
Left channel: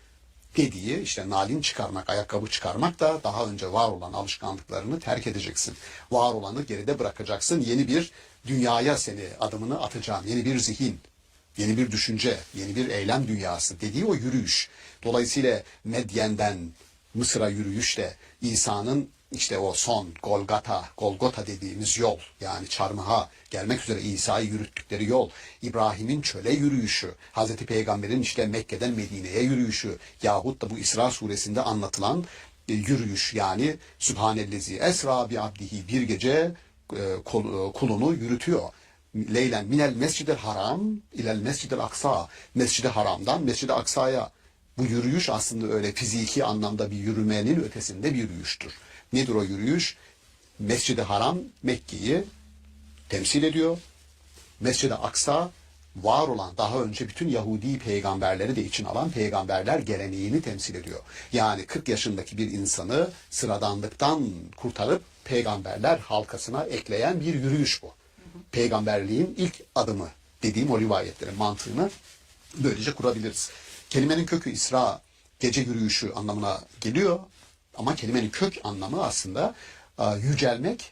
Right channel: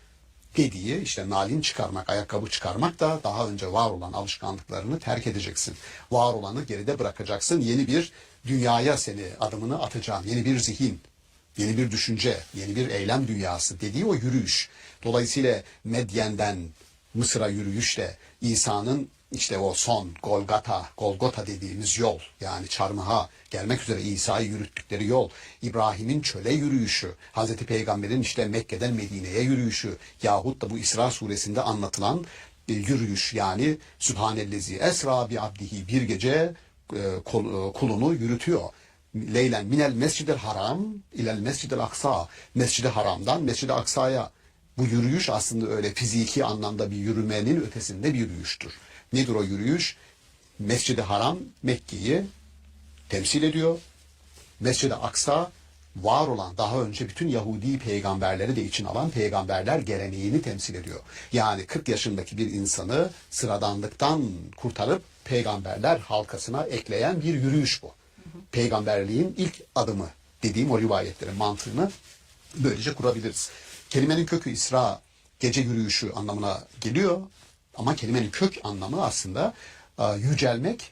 dediği, işte nalin çıkarmak, ayakkabı çıkarmak da daha önce var olan alışkanlıklarını terk edeceksin. Var olanı geride bırakacaksın. Yeni bir dünyaya seni adımını atacağım. Yeni bir zihin, yeni bir düşünce, yeni bir eylem dünyası dediği o yürüyüş. Dolayısıyla Medyen'den Mısır'a yürüyüşle İsa'nın işte o son Golgota dediğimiz yol, yani çarmıha gelmek üzere İsa'yı yürüttükleri yol, İbrahim'in çöle yürüyüşü, Hazreti Peygamber'in işte Mekke'den Medine'ye yürüyüşü yahut da bu İsra suresinde anlatılan yürüyüş, yani Sübhanellezi esra bi abdihi, bir gece kulunu yürütüyor. Leylen minel mescidel haram ilel mescidel aksa, Mescid-i Haram'dan Mescid-i Aksa'ya. Bu yürüyüş aslında öyle fiziki anlamda bir yürümenin ötesinde bir yürüyüştür. Nedir o yürüyüş? Mescid-i Haram Mekke'yi temsil ediyor. Mescid-i Aksa var olan, daha önce bütün Yahudi peygamberleri de için alan peygamberler geleneğini temsil ediyor. Yani 40 yaşındaki bir insanı sıradanlıktan kurtarıp peygamberler halkasına ekleyen bir yürüyüş bu. Peygamberliğin ilk adımı dediğim o rivayetlerin mantığını böylece kurabiliriz. Kelimenin kökü İsra, gece yürüyüşü anlamına geliyor. Ama kelimenin kök anlamı aslında yücelmek,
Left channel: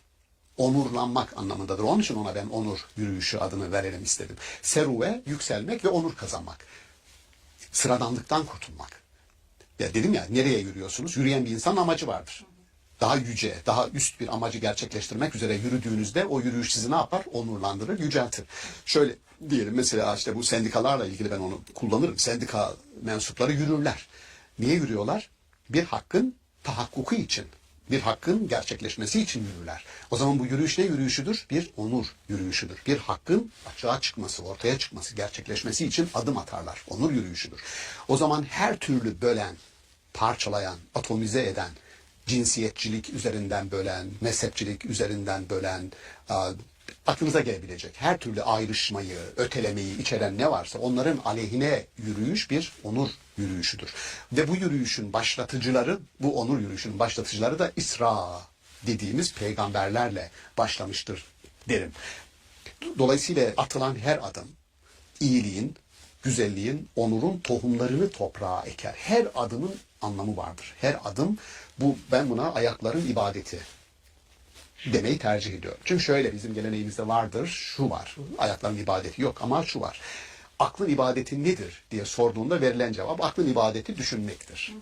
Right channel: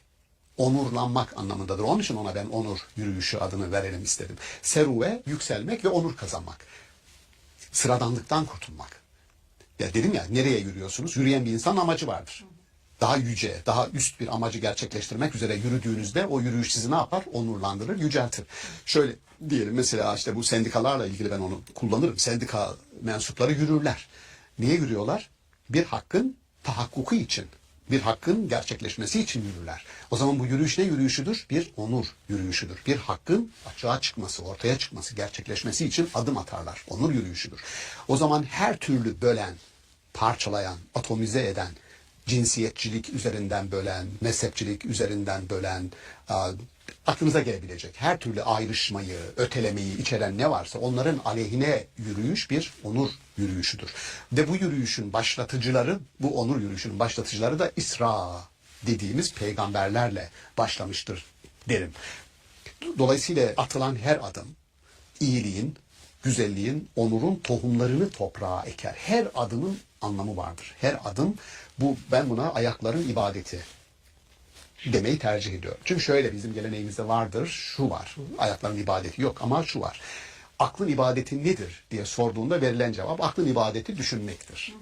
onurlanmak anlamındadır. Onun için ona ben onur yürüyüşü adını verelim istedim. Seruve, yükselmek ve onur kazanmak. Sıradanlıktan kurtulmak. Ya dedim ya, nereye yürüyorsunuz? Yürüyen bir insanın amacı vardır. Daha yüce, daha üst bir amacı gerçekleştirmek üzere yürüdüğünüzde o yürüyüş sizi ne yapar? Onurlandırır, yüceltir. Şöyle diyelim, mesela işte bu sendikalarla ilgili ben onu kullanırım. Sendika mensupları yürürler. Niye yürüyorlar? Bir hakkın tahakkuku için, bir hakkın gerçekleşmesi için yürürler. O zaman bu yürüyüş ne yürüyüşüdür? Bir onur yürüyüşüdür. Bir hakkın açığa çıkması, ortaya çıkması, gerçekleşmesi için adım atarlar. Onur yürüyüşüdür. O zaman her türlü bölen, parçalayan, atomize eden, cinsiyetçilik üzerinden bölen, mezhepçilik üzerinden bölen, aklınıza gelebilecek her türlü ayrışmayı, ötelemeyi içeren ne varsa onların aleyhine yürüyüş bir onur yürüyüşüdür. Ve bu yürüyüşün başlatıcıları, bu onur yürüyüşünün başlatıcıları da İsra dediğimiz peygamberlerle başlamıştır derim. Dolayısıyla atılan her adım iyiliğin, güzelliğin, onurun tohumlarını toprağa eker. Her adımın anlamı vardır. Her adım, ben buna ayakların ibadeti demeyi tercih ediyorum. Çünkü şöyle, bizim geleneğimizde vardır, şu var. Ayakların ibadeti yok ama şu var. Aklın ibadeti nedir diye sorduğunda verilen cevap, aklın ibadeti düşünmektir.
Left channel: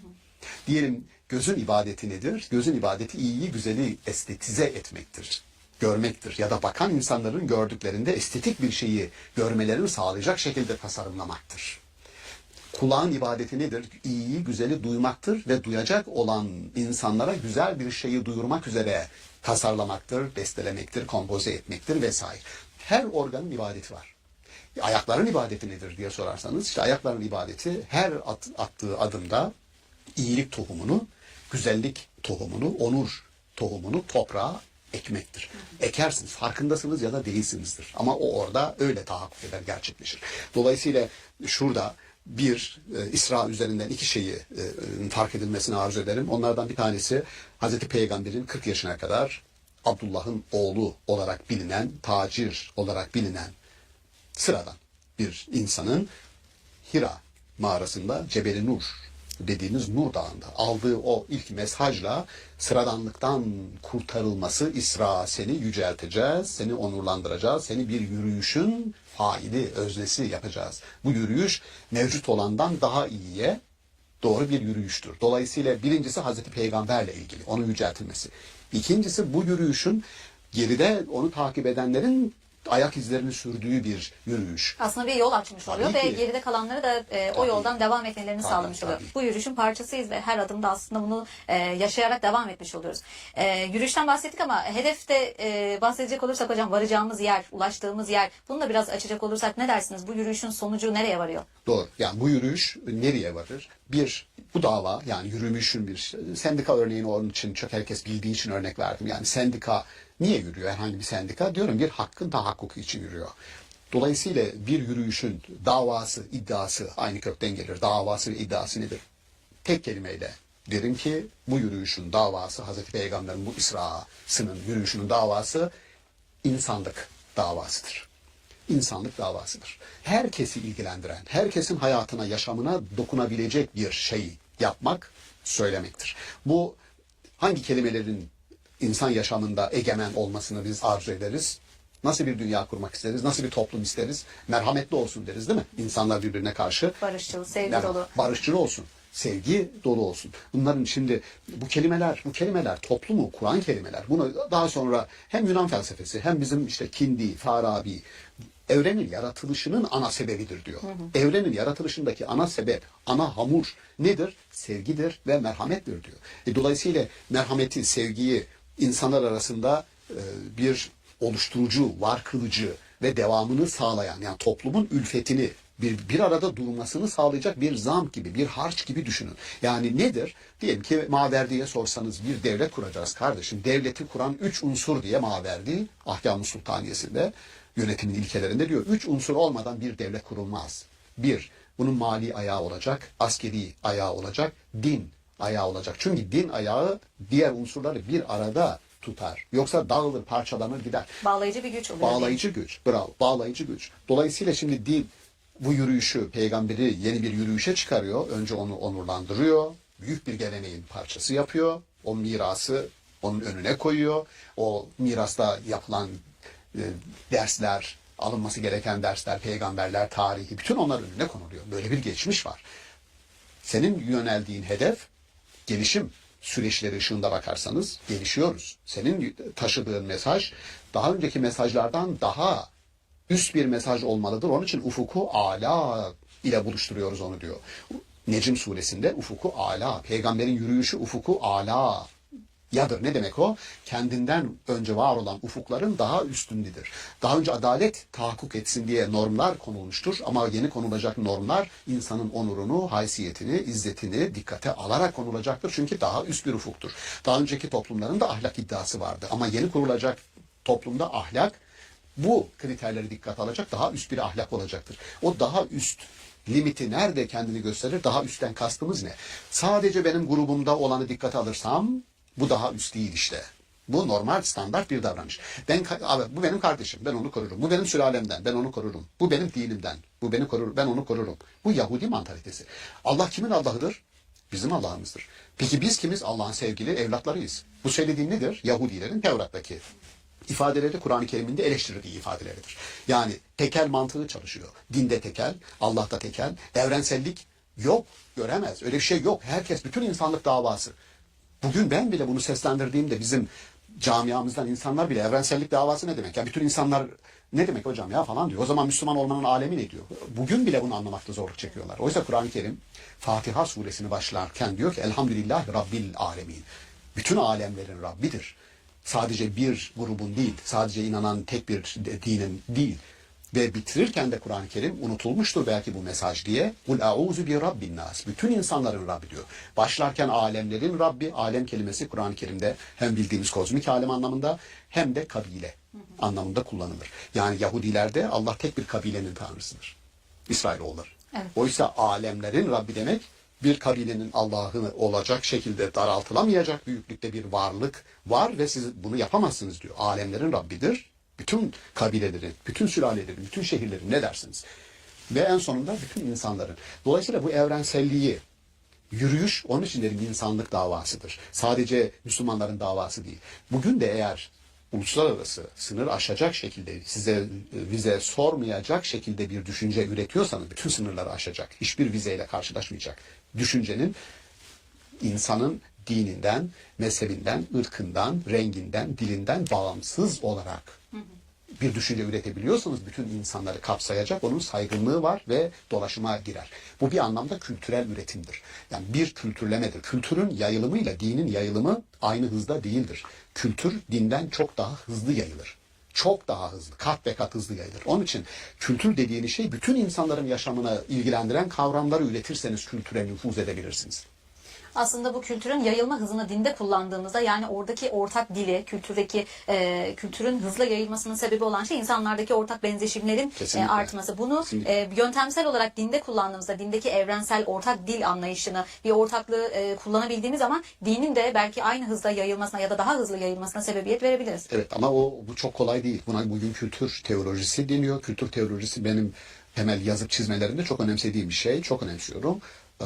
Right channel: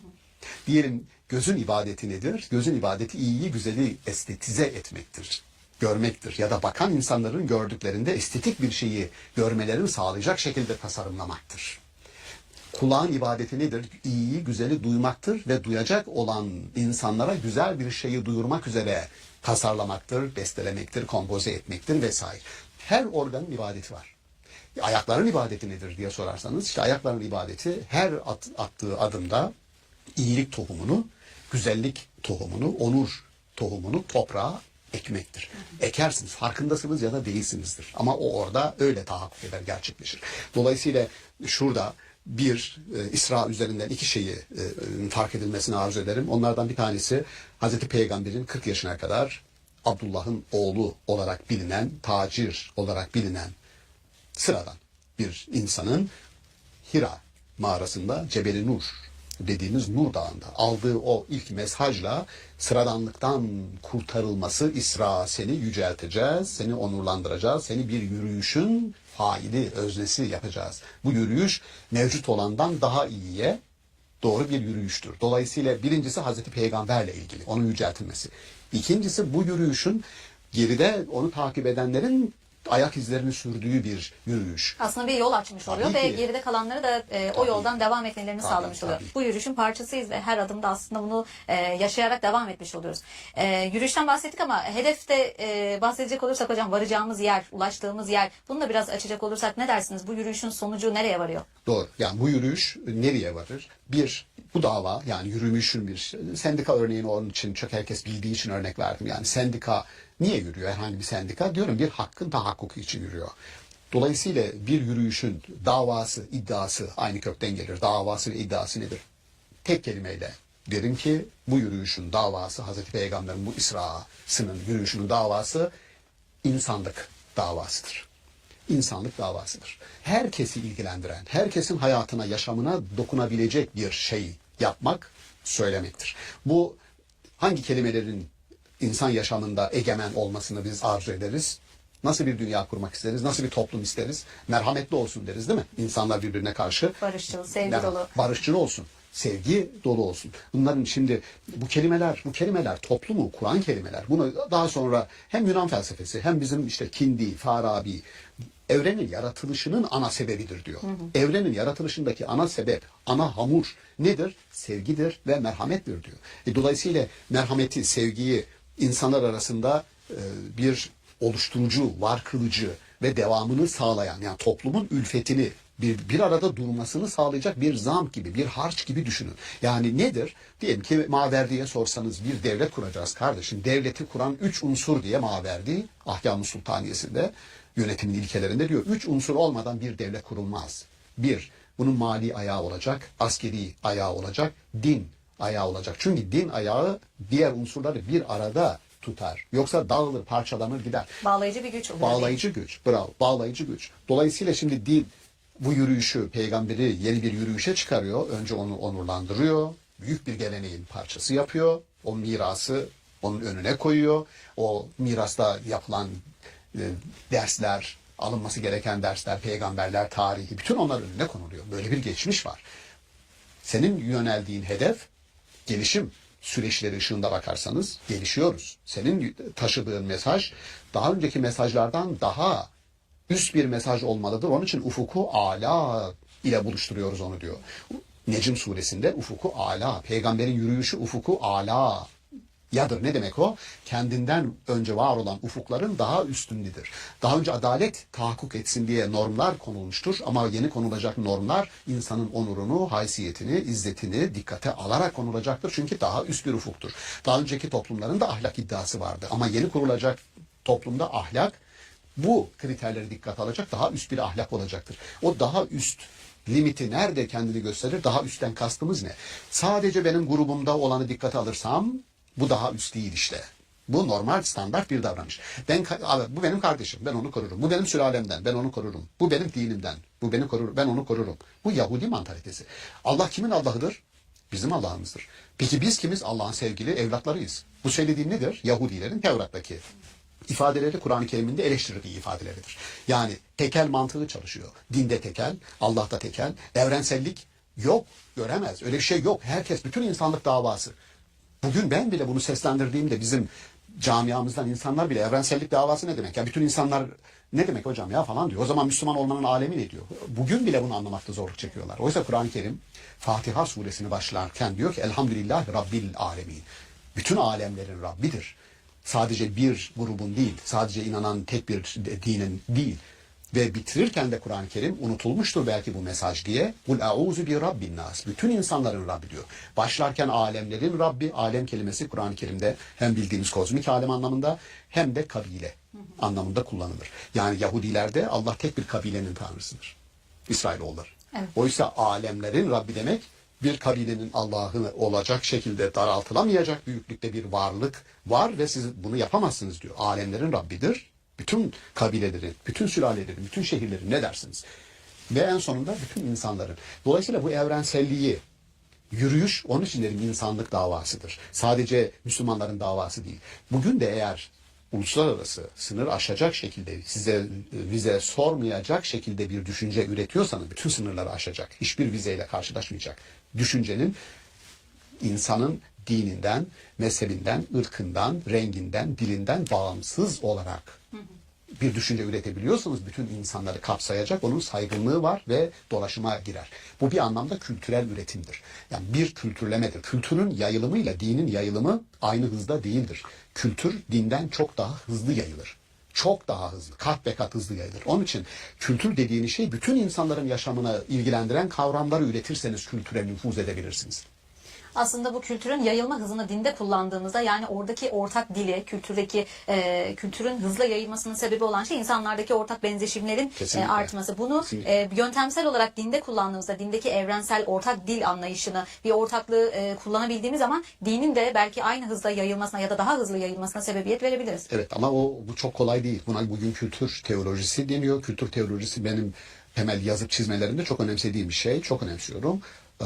Diyelim gözün ibadeti nedir? Gözün ibadeti iyiyi, güzeli estetize etmektir. Görmektir. Ya da bakan insanların gördüklerinde estetik bir şeyi görmelerini sağlayacak şekilde tasarımlamaktır. Kulağın ibadeti nedir? İyiyi, güzeli duymaktır ve duyacak olan insanlara güzel bir şeyi duyurmak üzere tasarlamaktır, bestelemektir, kompoze etmektir vesaire. Her organın ibadeti var. Ayakların ibadeti nedir diye sorarsanız, işte ayakların ibadeti her attığı adımda iyilik tohumunu, güzellik tohumunu, onur tohumunu toprağa ekmektir. Ekersiniz, farkındasınız ya da değilsinizdir. Ama o orada öyle tahakkuk eder, gerçekleşir. Dolayısıyla şurada İsra üzerinden iki şeyi fark edilmesini arzu ederim. Onlardan bir tanesi, Hazreti Peygamber'in 40 yaşına kadar Abdullah'ın oğlu olarak bilinen, tacir olarak bilinen sıradan bir insanın Hira mağarasında Cebeli Nur dediğimiz Nur Dağı'nda aldığı o ilk mesajla sıradanlıktan kurtarılması, İsra, seni yücelteceğiz, seni onurlandıracağız, seni bir yürüyüşün faili, öznesi yapacağız. Bu yürüyüş mevcut olandan daha iyiye doğru bir yürüyüştür. Dolayısıyla birincisi Hazreti Peygamberle ilgili, onun yüceltilmesi. İkincisi bu yürüyüşün geride onu takip edenlerin ayak izlerini sürdüğü bir yürüyüş. Aslında bir yol açmış oluyor Tabii ve ki. geride kalanları da o yoldan devam etmelerini Tabii, sağlamış oluyor. tabii. Bu yürüyüşün parçasıyız ve her adımda aslında bunu yaşayarak devam etmiş oluyoruz. Yürüyüşten bahsettik ama hedefte bahsedecek olursak hocam, varacağımız yer, ulaştığımız yer, bunu da biraz açacak olursak ne dersiniz? Bu yürüyüşün sonucu nereye varıyor? Doğru. Yani bu yürüyüş nereye varır? Bir, bu dava, yani yürümüşün bir sendika örneğini onun için çok herkes bildiği için örnek verdim. Yani sendika niye yürüyor? Herhangi bir sendika diyorum bir hakkın tahakkuku için yürüyor. Dolayısıyla bir yürüyüşün davası, iddiası aynı kökten gelir. Davası ve iddiası nedir? Tek kelimeyle derim ki bu yürüyüşün davası, Hazreti Peygamber'in bu İsra'sının yürüyüşünün davası insanlık davasıdır. İnsanlık davasıdır. Herkesi ilgilendiren, herkesin hayatına, yaşamına dokunabilecek bir şey yapmak, söylemektir. Bu hangi kelimelerin insan yaşamında egemen olmasını biz arzu ederiz? Nasıl bir dünya kurmak isteriz? Nasıl bir toplum isteriz? Merhametli olsun deriz değil mi? İnsanlar birbirine karşı. Barışçıl, sevgi Yani dolu. barışçıl olsun. Sevgi dolu olsun. Bunların şimdi bu kelimeler toplumu kuran kelimeler. Bunu daha sonra hem Yunan felsefesi hem bizim işte Kindi, Farabi evrenin yaratılışının ana sebebidir diyor. Evrenin yaratılışındaki ana sebep, ana hamur nedir? Sevgidir ve merhamettir diyor. Dolayısıyla merhameti, sevgiyi insanlar arasında bir oluşturucu, var kılıcı ve devamını sağlayan, yani toplumun ülfetini bir arada durmasını sağlayacak bir zam gibi, bir harç gibi düşünün. Yani nedir? Diyelim ki Maverdi'ye sorsanız bir devlet kuracağız kardeşim. Devleti kuran 3 unsur diye Maverdi, Ahkam-ı Sultaniyesi'nde yönetimin ilkelerinde diyor. 3 unsur olmadan bir devlet kurulmaz. Bir, bunun mali ayağı olacak, askeri ayağı olacak, din ayağı olacak. Çünkü din ayağı diğer unsurları bir arada tutar. Yoksa dağılır, parçalanır gider. Bağlayıcı bir güç oluyor. Bağlayıcı güç. Bravo. Bağlayıcı güç. Dolayısıyla şimdi din bu yürüyüşü, peygamberi yeni bir yürüyüşe çıkarıyor. Önce onu onurlandırıyor. Büyük bir geleneğin parçası yapıyor. O mirası onun önüne koyuyor. O mirasta yapılan dersler, alınması gereken dersler, peygamberler, tarihi, bütün onlar önüne konuluyor. Böyle bir geçmiş var. Senin yöneldiğin hedef gelişim süreçleri ışığında bakarsanız gelişiyoruz. Senin taşıdığın mesaj daha önceki mesajlardan daha üst bir mesaj olmalıdır. Onun için ufuku ala ile buluşturuyoruz onu diyor. Necm suresinde ufuku ala, peygamberin yürüyüşü ufuku ala yadır. Ne demek o? Kendinden önce var olan ufukların daha üstündedir. Daha önce adalet tahakkuk etsin diye normlar konulmuştur ama yeni konulacak normlar insanın onurunu, haysiyetini, izzetini dikkate alarak konulacaktır. Çünkü daha üst bir ufuktur. Daha önceki toplumların da ahlak iddiası vardı ama yeni kurulacak toplumda ahlak bu kriterleri dikkate alacak, daha üst bir ahlak olacaktır. O daha üst limiti nerede kendini gösterir? Daha üstten kastımız ne? Sadece benim grubumda olanı dikkate alırsam bu daha üst değil işte. Bu normal standart bir davranış. Bu benim kardeşim, ben onu korurum. Bu benim sülalemden, ben onu korurum. Bu benim dinimden, bu beni korur, ben onu korurum. Bu Yahudi mantalitesi. Allah kimin Allah'ıdır? Bizim Allah'ımızdır. Peki biz kimiz? Allah'ın sevgili evlatlarıyız. Bu söylediğim nedir? Yahudilerin Tevrat'taki ifadeleri Kur'an-ı Kerim'in de eleştirdiği ifadeleridir. Yani tekel mantığı çalışıyor. Dinde tekel, Allah'ta tekel, evrensellik yok, göremez. Öyle bir şey yok. Herkes, bütün insanlık davası. Bugün ben bile bunu seslendirdiğimde bizim camiamızdan insanlar bile evrensellik davası ne demek? Yani bütün insanlar ne demek hocam ya falan diyor. O zaman Müslüman olmanın alemi ne diyor? Bugün bile bunu anlamakta zorluk çekiyorlar. Oysa Kur'an-ı Kerim Fatiha suresini başlarken diyor ki Elhamdülillahi Rabbil alemin. Bütün alemlerin Rabbidir. Sadece bir grubun değil, sadece inanan tek bir dinin değil. Ve bitirirken de Kur'an-ı Kerim unutulmuştur belki bu mesaj diye. Kul a'uzu bi rabbin nas. Bütün insanların Rabbi diyor. Başlarken alemlerin Rabbi, alem kelimesi Kur'an-ı Kerim'de hem bildiğimiz kozmik alem anlamında hem de kabile anlamında kullanılır. Yani Yahudilerde Allah tek bir kabilenin tanrısıdır. İsrailoğulları. Evet. Oysa alemlerin Rabbi demek bir kabilenin Allah'ı olacak şekilde daraltılamayacak büyüklükte bir varlık var ve siz bunu yapamazsınız diyor. Alemlerin Rabbidir. Bütün kabilelerin, bütün sülalelerin, bütün şehirlerin ne dersiniz? Ve en sonunda bütün insanların. Dolayısıyla bu evrenselliği Yürüyüş, onun için dedim insanlık davasıdır. Sadece Müslümanların davası değil. Bugün de eğer uluslararası sınır aşacak şekilde, size vize sormayacak şekilde bir düşünce üretiyorsanız bütün sınırları aşacak. Hiçbir vizeyle karşılaşmayacak. Düşüncenin insanın dininden, mezhebinden, ırkından, renginden, dilinden bağımsız olarak bir düşünce üretebiliyorsanız bütün insanları kapsayacak, onun saygınlığı var ve dolaşıma girer. Bu bir anlamda kültürel üretimdir. Yani bir kültürlemedir. Kültürün yayılımıyla dinin yayılımı aynı hızda değildir. Kültür dinden çok daha hızlı yayılır. Çok daha hızlı, kat ve kat hızlı yayılır. Onun için kültür dediğiniz şey bütün insanların yaşamına ilgilendiren kavramları üretirseniz kültüre nüfuz edebilirsiniz. Aslında bu kültürün yayılma hızını dinde kullandığımızda, yani oradaki ortak dili, kültürün hızla yayılmasının sebebi olan şey insanlardaki ortak benzeşimlerin Kesinlikle. artması. Bunu Kesinlikle. yöntemsel olarak dinde kullandığımızda, dindeki evrensel ortak dil anlayışını, bir ortaklığı kullanabildiğimiz zaman dinin de belki aynı hızda yayılmasına ya da daha hızlı yayılmasına sebebiyet verebiliriz. Evet ama bu çok kolay değil. Buna bugün kültür teolojisi deniyor. Kültür teolojisi benim temel yazıp çizmelerimde çok önemsediğim bir şey. Çok önemsiyorum.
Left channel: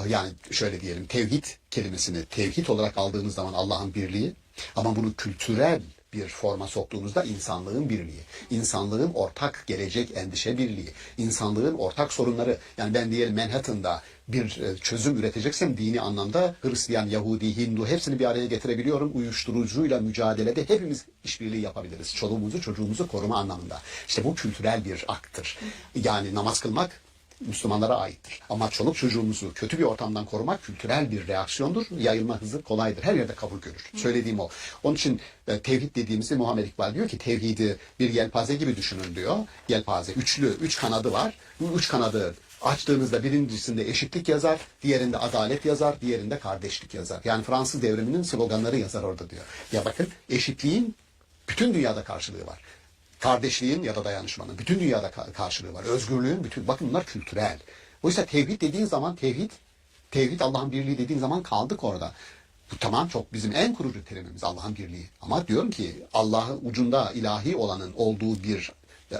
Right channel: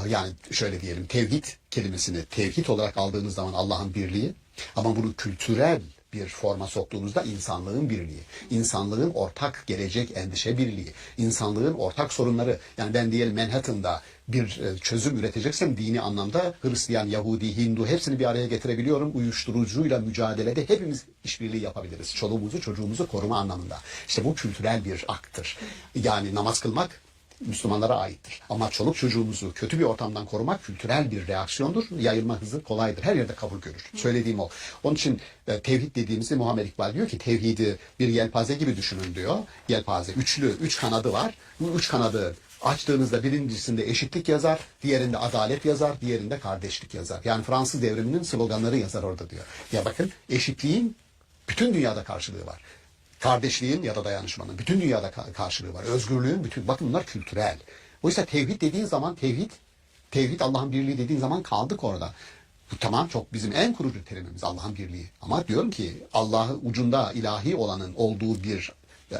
Yani şöyle diyelim, tevhid kelimesini tevhid olarak aldığınız zaman Allah'ın birliği, ama bunu kültürel bir forma soktuğunuzda insanlığın birliği, insanlığın ortak gelecek endişe birliği, insanlığın ortak sorunları. Yani ben diyelim Manhattan'da bir çözüm üreteceksem dini anlamda Hristiyan, Yahudi, Hindu hepsini bir araya getirebiliyorum. Uyuşturucuyla mücadelede hepimiz işbirliği yapabiliriz. Çoluğumuzu çocuğumuzu koruma anlamında. İşte bu kültürel bir akttır. Yani namaz kılmak Müslümanlara aittir. Ama çoluk çocuğumuzu kötü bir ortamdan korumak kültürel bir reaksiyondur. Yayılma hızı kolaydır. Her yerde kabul görür. Söylediğim o. Onun için tevhid dediğimizde Muhammed İkbal diyor ki tevhidi bir yelpaze gibi düşünün diyor. Yelpaze üçlü, üç kanadı var. Bu üç kanadı açtığınızda birincisinde eşitlik yazar, diğerinde adalet yazar, diğerinde kardeşlik yazar. Yani Fransız devriminin sloganları yazar orada diyor. Ya bakın, eşitliğin bütün dünyada karşılığı var. Kardeşliğin ya da dayanışmanın bütün dünyada karşılığı var. Özgürlüğün bütün, bakın bunlar kültürel. Oysa tevhid dediğin zaman tevhid Allah'ın birliği dediğin zaman kaldık orada. Bu tamam, çok bizim en kurucu terimimiz Allah'ın birliği. Ama diyorum ki Allah'ı ucunda ilahi olanın olduğu bir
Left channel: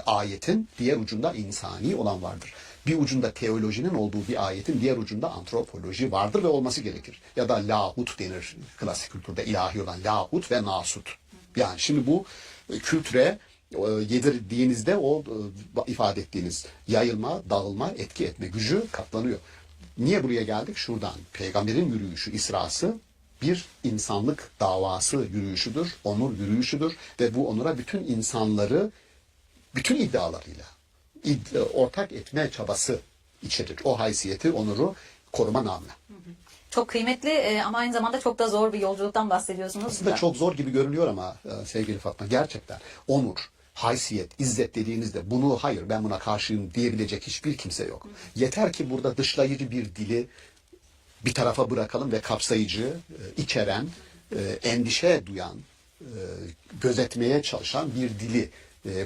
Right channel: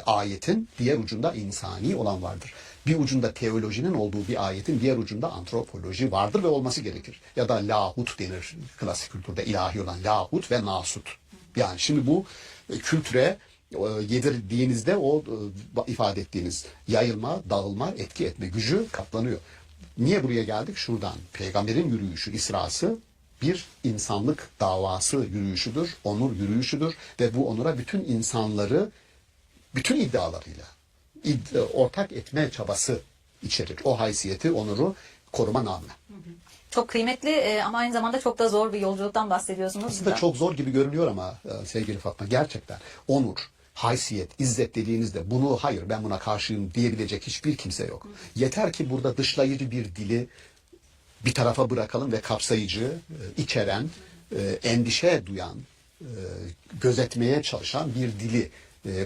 ayetin diğer ucunda insani olan vardır. Bir ucunda teolojinin olduğu bir ayetin diğer ucunda antropoloji vardır ve olması gerekir. Ya da lahut denir klasik kültürde, ilahi olan lahut ve nasut. Yani şimdi bu kültüre yedirdiğinizde o ifade ettiğiniz yayılma, dağılma, etki etme gücü katlanıyor. Niye buraya geldik? Şuradan. Peygamberin yürüyüşü, İsra'sı bir insanlık davası yürüyüşüdür, onur yürüyüşüdür ve bu onura bütün insanları bütün iddialarıyla ortak etme çabası içerir. O haysiyeti, onuru koruma namına. Çok kıymetli ama aynı zamanda çok da zor bir yolculuktan bahsediyorsunuz. Aslında çok zor gibi görünüyor ama sevgili Fatma, gerçekten onur, haysiyet, izzet dediğinizde bunu hayır ben buna karşıyım diyebilecek hiçbir kimse yok. Yeter ki burada dışlayıcı bir dili bir tarafa bırakalım ve kapsayıcı, içeren, endişe duyan, gözetmeye çalışan bir dili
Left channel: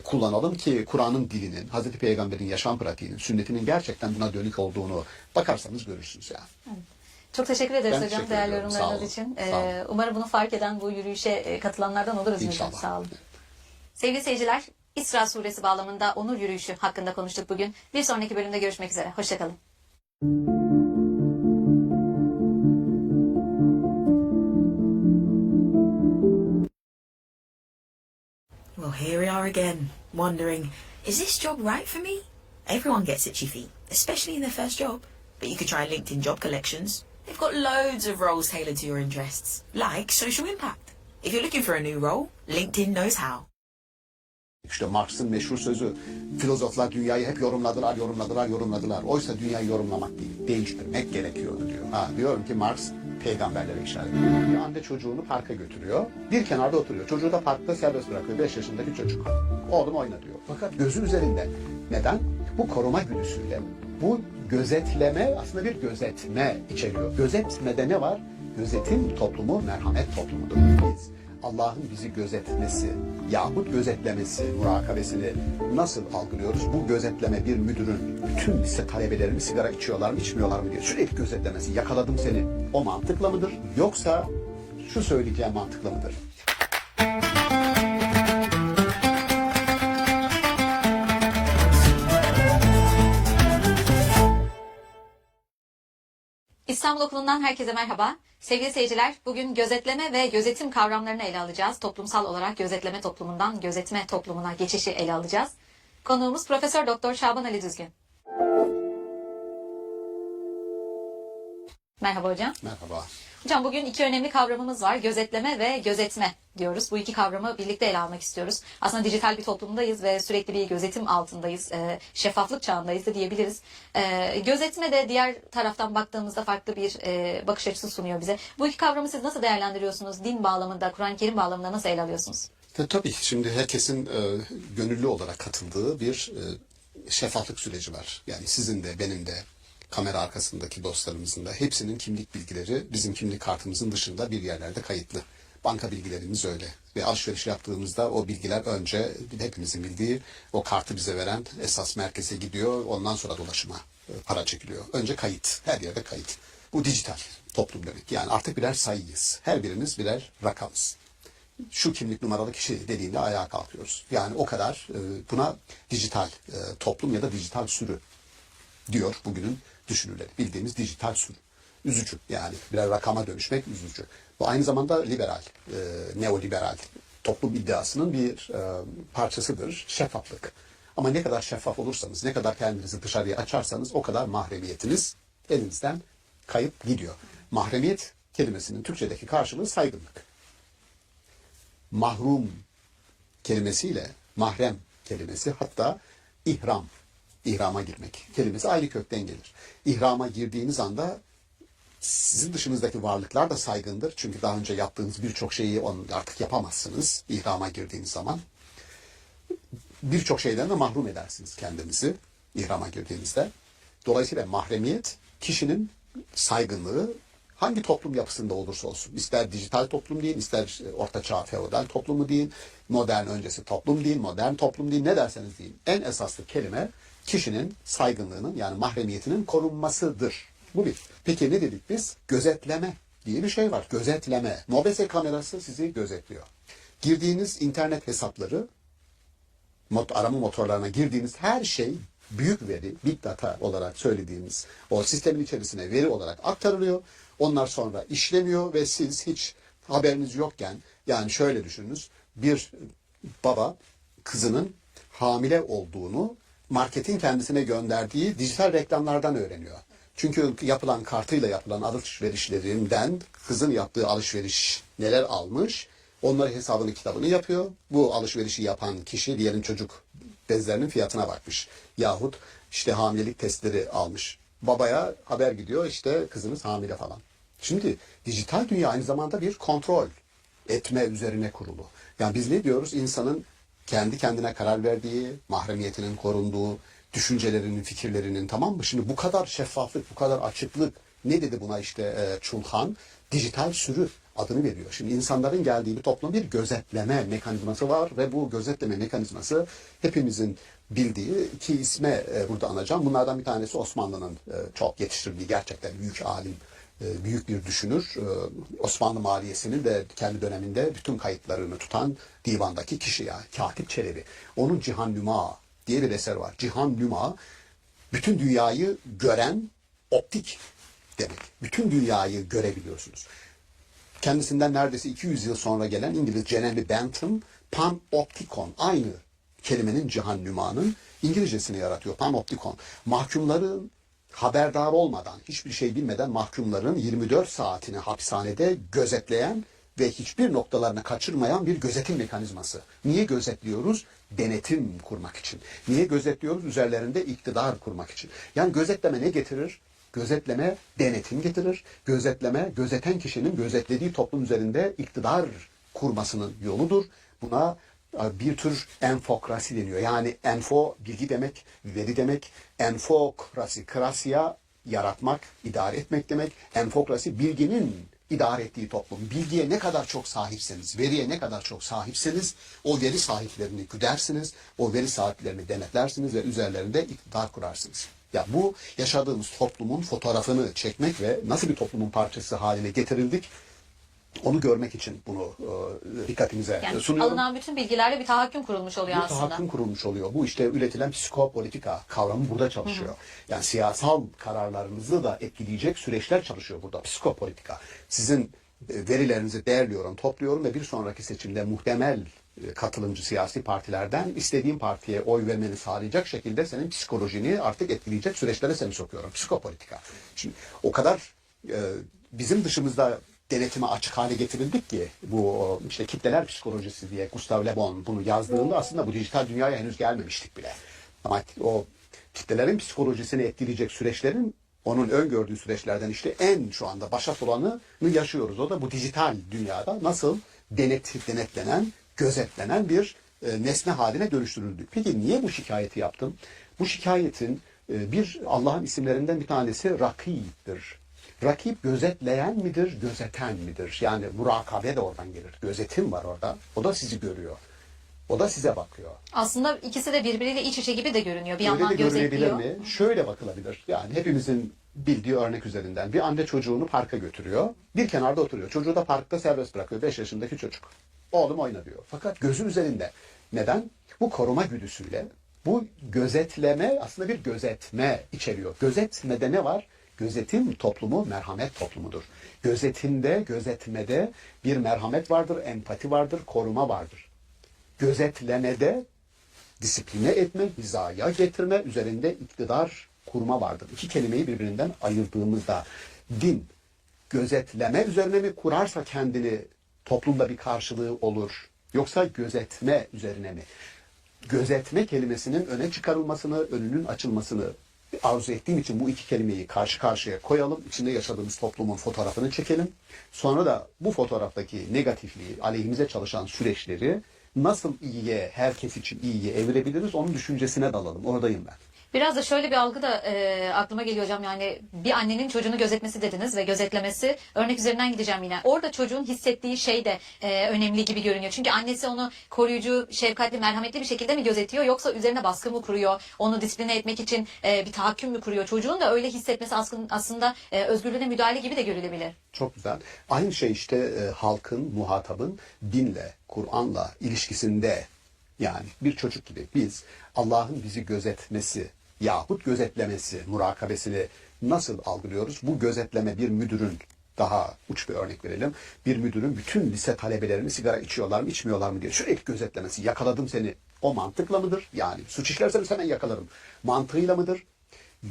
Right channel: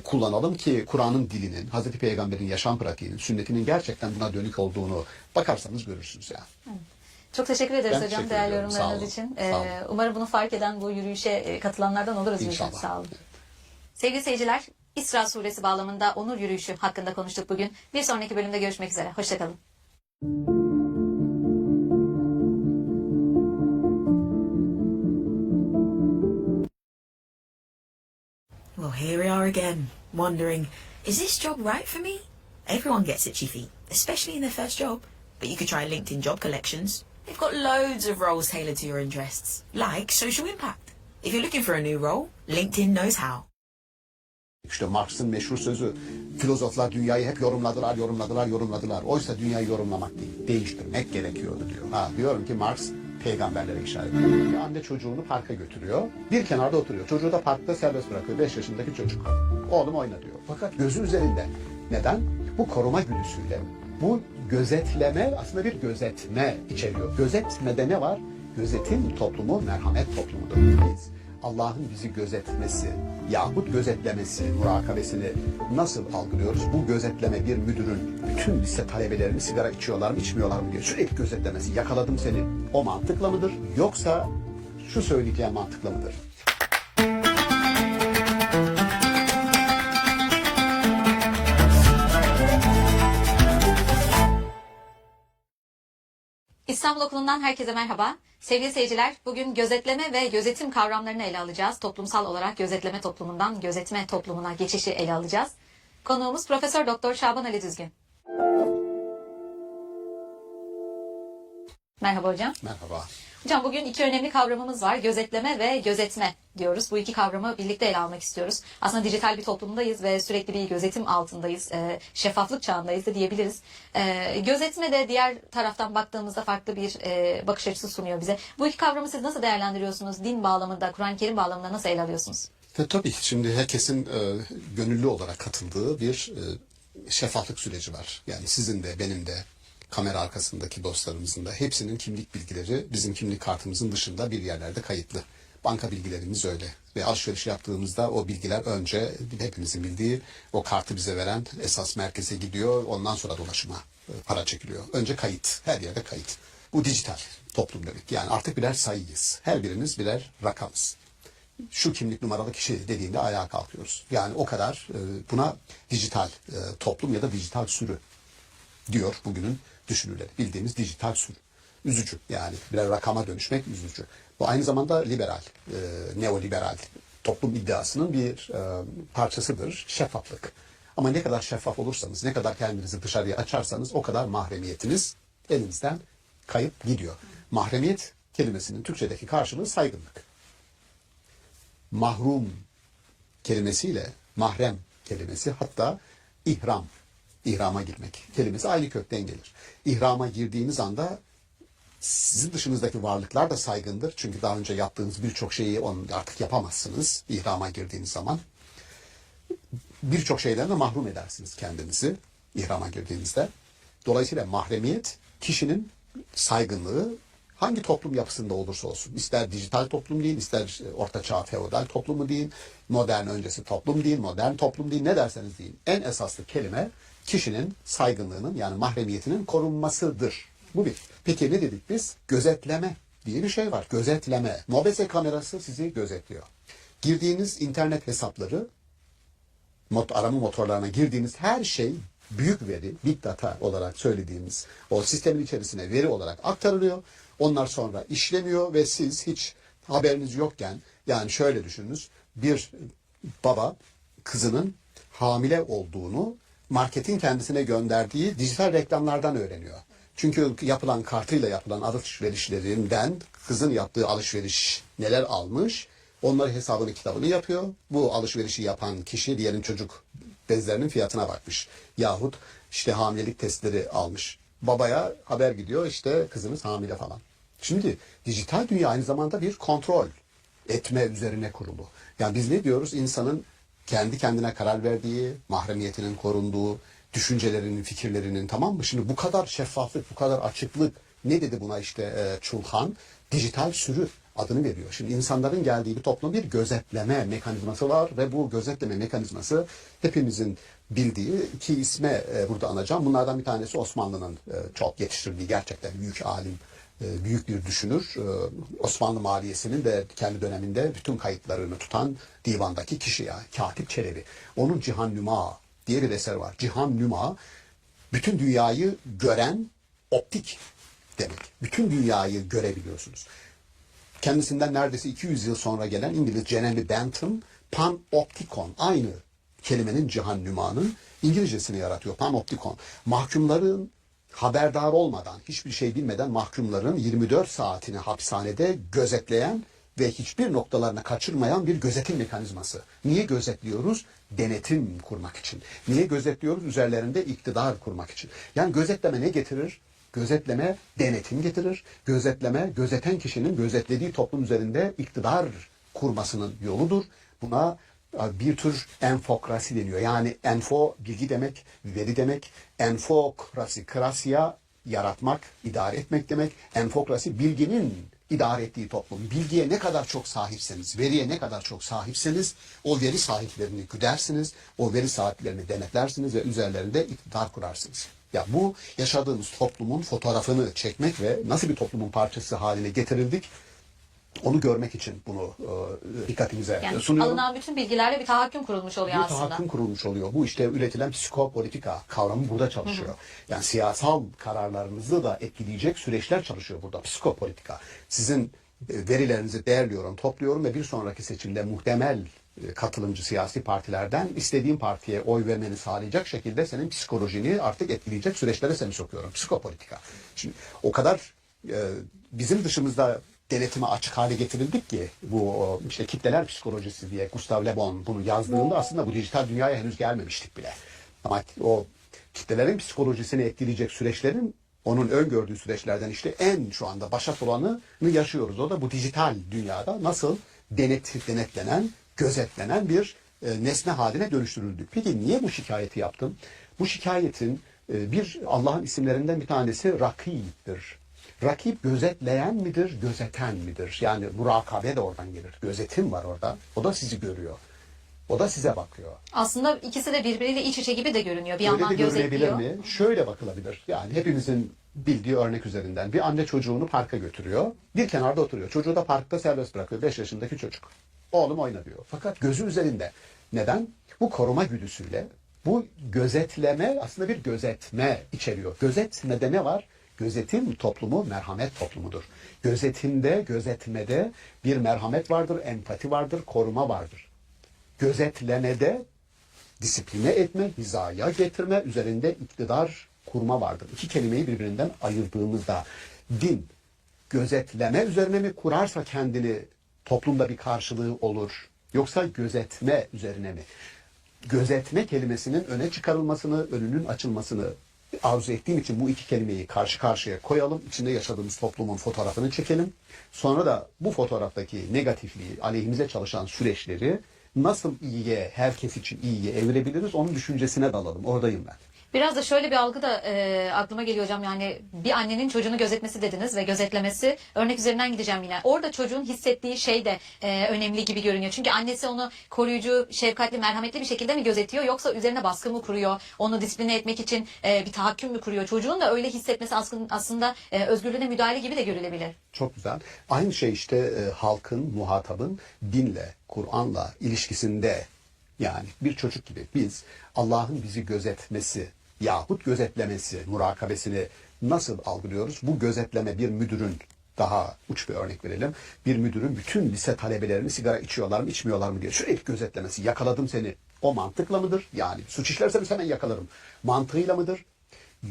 kullanalım ki Kur'an'ın dilinin, Hazreti Peygamber'in yaşam pratiğinin, sünnetinin gerçekten buna dönük olduğunu bakarsanız görürsünüz yani. Evet. Çok teşekkür ederiz Ben hocam teşekkür değerli ediyorum. yorumlarınız Sağ olun. için. Sağ olun. Umarım bunu fark eden, bu yürüyüşe katılanlardan oluruz. İnşallah. Hocam. Sağ olun. Sevgili seyirciler, İsra suresi bağlamında onur yürüyüşü hakkında konuştuk bugün. Bir sonraki bölümde görüşmek üzere. Hoşçakalın. Well, here we are again, wondering, is this job right for me? Everyone gets itchy feet, especially in their first job. But you could try LinkedIn Job Collections. They've got loads of roles tailored to your interests, like social impact. If you're looking for a new role, LinkedIn knows how. İşte Marx'ın meşhur sözü, filozoflar dünyayı hep yorumladılar. Oysa dünyayı yorumlamak değil, değiştirmek gerekiyordu diyor. Diyorum ki Marx peygamberlere işaret ediyor. Bir anne çocuğunu parka götürüyor, bir kenarda oturuyor. Çocuğu da parkta serbest bırakıyor, 5 yaşındaki çocuk. Oğlum oyna diyor. Fakat gözü üzerinde. Neden? Bu koruma güdüsüyle, bu gözetleme aslında bir gözetme içeriyor. Gözetmede ne var? Gözetim toplumu merhamet toplumudur. Biz Allah'ın bizi gözetmesi yahut gözetlemesi, murakabesini nasıl algılıyoruz? Bu gözetleme bir müdürün bütün lise talebelerini sigara içiyorlar mı içmiyorlar mı diye sürekli gözetlemesi. Yakaladım seni. O mantıkla mıdır? Yoksa şu söyleyeceğim mantıkla mıdır? İstanbul Okulu'ndan herkese merhaba. Sevgili seyirciler, bugün gözetleme ve gözetim kavramlarını ele alacağız. Toplumsal olarak gözetleme toplumundan gözetme toplumuna geçişi ele alacağız. Konuğumuz Profesör Doktor Şaban Ali Düzgün. Merhaba hocam. Merhaba. Hocam bugün iki önemli kavramımız var. Gözetleme ve gözetme diyoruz. Bu iki kavramı birlikte ele almak istiyoruz. Aslında dijital bir toplumdayız ve sürekli bir gözetim altındayız. Şeffaflık çağındayız da diyebiliriz. Gözetme de diğer taraftan baktığımızda farklı bir bakış açısı sunuyor bize. Bu iki kavramı siz nasıl değerlendiriyorsunuz? Din bağlamında, Kur'an-ı Kerim bağlamında nasıl ele alıyorsunuz? Tabii şimdi herkesin gönüllü olarak katıldığı bir şeffaflık süreci var. Yani sizin de benim de kamera arkasındaki dostlarımızın da hepsinin kimlik bilgileri bizim kimlik kartımızın dışında bir yerlerde kayıtlı. Banka bilgilerimiz öyle. Ve alışveriş yaptığımızda o bilgiler önce hepimizin bildiği o kartı bize veren esas merkeze gidiyor. Ondan sonra dolaşıma para çekiliyor. Önce kayıt. Her yerde kayıt. Bu dijital toplum demek. Yani artık birer sayıyız. Her birimiz birer rakamız. Şu kimlik numaralı kişi dediğinde ayağa kalkıyoruz. Yani o kadar buna dijital toplum ya da dijital sürü diyor bugünün düşünürleri. Bildiğimiz dijital sürü. Üzücü yani birer rakama dönüşmek üzücü. Bu aynı zamanda liberal, neoliberal toplum iddiasının bir parçasıdır. Şeffaflık. Ama ne kadar şeffaf olursanız, ne kadar kendinizi dışarıya açarsanız o kadar mahremiyetiniz elinizden kayıp gidiyor. Mahremiyet kelimesinin Türkçedeki karşılığı saygınlık. Mahrum kelimesiyle mahrem kelimesi hatta ihram, ihrama girmek kelimesi aynı kökten gelir. İhrama girdiğiniz anda sizin dışınızdaki varlıklar da saygındır. Çünkü daha önce yaptığınız birçok şeyi artık yapamazsınız ihrama girdiğiniz zaman. Birçok şeyden de mahrum edersiniz kendinizi ihrama girdiğinizde. Dolayısıyla mahremiyet kişinin saygınlığı hangi toplum yapısında olursa olsun, ister dijital toplum deyin, ister ortaçağ feodal toplumu deyin, modern öncesi toplum deyin, modern toplum deyin, ne derseniz deyin. En esaslı kelime kişinin saygınlığının yani mahremiyetinin korunmasıdır. Bu bir. Peki ne dedik biz? Gözetleme diye bir şey var. Gözetleme. Mobese kamerası sizi gözetliyor. Girdiğiniz internet hesapları, arama motorlarına girdiğiniz her şey büyük veri, big data olarak söylediğimiz o sistemin içerisine veri olarak aktarılıyor. Onlar sonra işleniyor ve siz hiç haberiniz yokken, yani şöyle düşününüz, bir baba kızının hamile olduğunu marketin kendisine gönderdiği dijital reklamlardan öğreniyor. Çünkü yapılan kartıyla yapılan alışverişlerinden kızın yaptığı alışveriş neler almış, onları hesabını kitabını yapıyor. Bu alışverişi yapan kişi diyelim çocuk bezlerinin fiyatına bakmış. Yahut işte hamilelik testleri almış. Babaya haber gidiyor işte kızınız hamile falan. Şimdi dijital dünya aynı zamanda bir kontrol etme üzerine kurulu. Yani biz ne diyoruz? İnsanın kendi kendine karar verdiği, mahremiyetinin korunduğu, düşüncelerinin, fikirlerinin, tamam mı? Şimdi bu kadar şeffaflık, bu kadar açıklık, ne dedi buna işte Çulhan? Dijital sürü adını veriyor. Şimdi insanların geldiği bir toplum bir gözetleme mekanizması var ve bu gözetleme mekanizması hepimizin bildiği iki isme burada anacağım. Bunlardan bir tanesi Osmanlı'nın çok yetiştirdiği gerçekten büyük alim, büyük bir düşünür. Osmanlı maliyesinin de kendi döneminde bütün kayıtlarını tutan divandaki kişi ya, Katip Çelebi. Onun Cihan Nüma diye bir eser var. Cihan Nüma, bütün dünyayı gören optik demek. Bütün dünyayı görebiliyorsunuz. Kendisinden neredeyse 200 yıl sonra gelen İngiliz Jenny Bentham, panoptikon, aynı kelimenin Cihan Nüma'nın İngilizcesini yaratıyor. Panoptikon. Mahkumların haberdar olmadan, hiçbir şey bilmeden mahkumların 24 saatini hapishanede gözetleyen ve hiçbir noktalarını kaçırmayan bir gözetim mekanizması. Niye gözetliyoruz? Denetim kurmak için. Niye gözetliyoruz? Üzerlerinde iktidar kurmak için. Yani gözetleme ne getirir? Gözetleme denetim getirir. Gözetleme gözeten kişinin gözetlediği toplum üzerinde iktidar kurmasının yoludur. Buna bir tür enfokrasi deniyor. Yani enfo bilgi demek, veri demek. Enfokrasi, krasiya yaratmak, idare etmek demek. Enfokrasi bilginin idare ettiği toplum. Bilgiye ne kadar çok sahipseniz, veriye ne kadar çok sahipseniz o veri sahiplerini güdersiniz, o veri sahiplerini denetlersiniz ve üzerlerinde iktidar kurarsınız. Ya bu yaşadığımız toplumun fotoğrafını çekmek ve nasıl bir toplumun parçası haline getirildik Onu görmek için bunu dikkatimize Yani sunuyorum. alınan bütün bilgilerle bir tahakküm kurulmuş oluyor Bir aslında. tahakküm kurulmuş oluyor. Bu işte üretilen psikopolitika kavramı burada çalışıyor. Yani siyasal kararlarınızı da etkileyecek süreçler çalışıyor burada. Psikopolitika. Sizin verilerinizi değerliyorum, topluyorum ve bir sonraki seçimde muhtemel katılımcı siyasi partilerden istediğim partiye oy vermeni sağlayacak şekilde senin psikolojini artık etkileyecek süreçlere seni sokuyorum. Psikopolitika. Şimdi o kadar bizim dışımızda denetime açık hale getirildik ki bu işte kitleler psikolojisi diye Gustav Le Bon bunu yazdığında aslında bu dijital dünyaya henüz gelmemiştik bile. Ama o kitlelerin psikolojisini etkileyecek süreçlerin onun öngördüğü süreçlerden işte en şu anda başat olanı yaşıyoruz. O da bu dijital dünyada nasıl denetlenen, gözetlenen bir nesne haline dönüştürüldük. Peki niye bu şikayeti yaptım? Bu şikayetin bir Allah'ın isimlerinden bir tanesi Rakib'dir. Rakip gözetleyen midir, gözeten midir? Yani murakabe de oradan gelir. Gözetim var orada. O da sizi görüyor. O da size bakıyor. Aslında ikisi de birbiriyle iç içe gibi de görünüyor. Bir Öyle yandan de görülebilir gözetliyor. mi? Şöyle bakılabilir. Yani hepimizin bildiği örnek üzerinden. Bir anne çocuğunu parka götürüyor. Bir kenarda oturuyor. Çocuğu da parkta serbest bırakıyor. 5 yaşındaki çocuk. Oğlum oyna diyor. Fakat gözü üzerinde. Neden? Bu koruma güdüsüyle, bu gözetleme aslında bir gözetme içeriyor. Gözetmede ne var? Gözetim toplumu merhamet toplumudur. Gözetimde, gözetmede bir merhamet vardır, empati vardır, koruma vardır. Gözetlemede disipline etme, hizaya getirme, üzerinde iktidar kurma vardır. İki kelimeyi birbirinden ayırdığımızda din gözetleme üzerine mi kurarsa kendini toplumda bir karşılığı olur? Yoksa gözetme üzerine mi? Gözetme kelimesinin öne çıkarılmasını, önünün açılmasını arzu ettiğim için bu iki kelimeyi karşı karşıya koyalım. İçinde yaşadığımız toplumun fotoğrafını çekelim. Sonra da bu fotoğraftaki negatifliği, aleyhimize çalışan süreçleri nasıl iyiye, herkes için iyiye evirebiliriz onun düşüncesine dalalım. Oradayım ben. Biraz da şöyle bir algı da aklıma geliyor hocam, yani bir annenin çocuğunu gözetmesi dediniz ve gözetlemesi, örnek üzerinden gideceğim yine. Orada çocuğun hissettiği şey de önemli gibi görünüyor. Çünkü annesi onu koruyucu, şefkatli, merhametli bir şekilde mi gözetiyor, yoksa üzerine baskı mı kuruyor, onu disipline etmek için bir tahakküm mü kuruyor? Çocuğun da öyle hissetmesi aslında özgürlüğüne müdahale gibi de görülebilir. Çok güzel. Aynı şey işte halkın, muhatabın dinle, Kur'an'la ilişkisinde, yani bir çocuk gibi biz Allah'ın bizi gözetmesi yahut gözetlemesi, murakabesini nasıl algılıyoruz? Bu gözetleme bir müdürün, daha uç bir örnek verelim, bir müdürün bütün lise talebelerini sigara içiyorlar mı, içmiyorlar mı diye sürekli gözetlemesi, yakaladım seni, o mantıkla mıdır? Yani suç işlerseniz hemen yakalarım mantığıyla mıdır?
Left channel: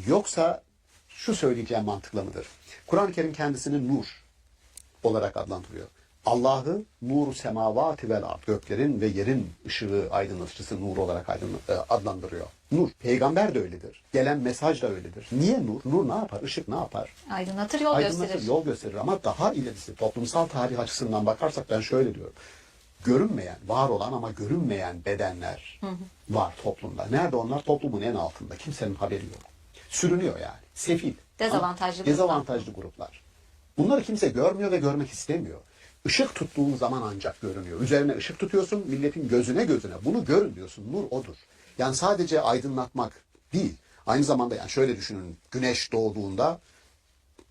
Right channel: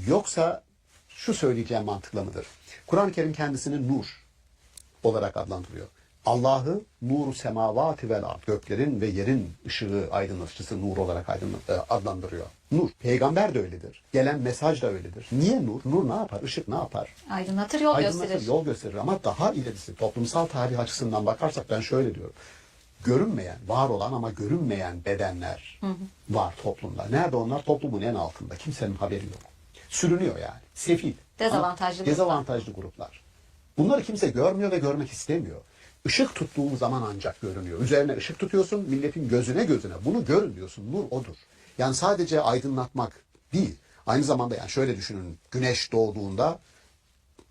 Yoksa şu söyleyeceğim mantıkla mıdır? Kur'an-ı Kerim kendisini nur olarak adlandırıyor. Allah'ı nur-u semavati vel ard, göklerin ve yerin ışığı, aydınlatıcısı nur olarak adlandırıyor. Nur. Peygamber de öyledir. Gelen mesaj da öyledir. Niye nur? Nur ne yapar? Işık ne yapar? Aydınlatır, yol gösterir. Yol gösterir. Ama daha ilerisi, toplumsal tarih açısından bakarsak ben şöyle diyorum. Görünmeyen, var olan ama görünmeyen bedenler var toplumda. Nerede onlar? Toplumun en altında. Kimsenin haberi yok. Sürünüyor yani. Sefil. Dezavantajlı Dezavantajlı gruplar. Bunları kimse görmüyor ve görmek istemiyor. Işık tuttuğun zaman ancak görünüyor. Üzerine ışık tutuyorsun, milletin gözüne. Bunu görün diyorsun. Nur odur. Yani sadece aydınlatmak değil. Aynı zamanda yani şöyle düşünün. Güneş doğduğunda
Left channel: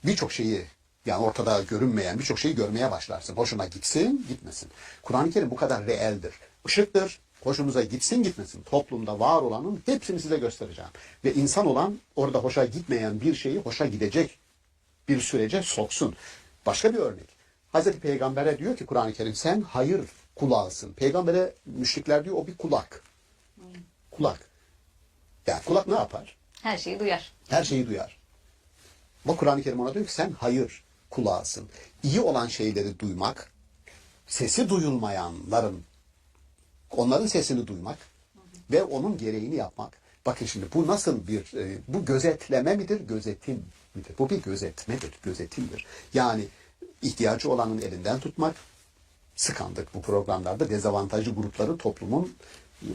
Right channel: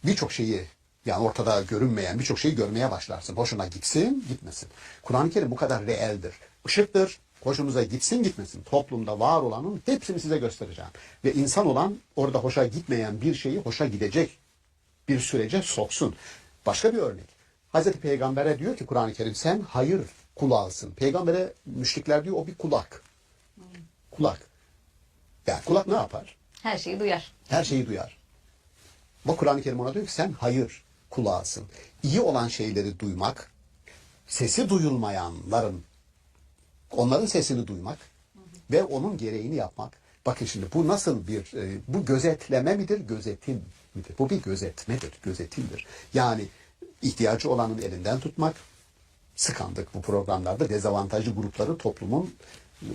birçok şeyi, yani ortada görünmeyen birçok şeyi görmeye başlarsın. Hoşuna gitsin, gitmesin. Kur'an-ı Kerim bu kadar reeldir. Işıktır. Hoşunuza gitsin, gitmesin. Toplumda var olanın hepsini size göstereceğim. Ve insan olan orada hoşa gitmeyen bir şeyi hoşa gidecek bir sürece soksun. Başka bir örnek. Hazreti Peygamber'e diyor ki Kur'an-ı Kerim, sen hayır kulağısın. Peygamber'e müşrikler diyor, o bir kulak. Kulak. Yani kulak ne yapar? Her şeyi duyar. Her şeyi duyar. Ama Kur'an-ı Kerim ona diyor ki sen hayır kulağısın. İyi olan şeyleri duymak, sesi duyulmayanların, onların sesini duymak ve onun gereğini yapmak. Bakın şimdi bu nasıl bir, bu gözetleme midir, gözetim midir? Bu bir gözetmedir, gözetimdir. Yani ihtiyacı olanın elinden tutmak, sıkandık bu programlarda dezavantajlı grupları toplumun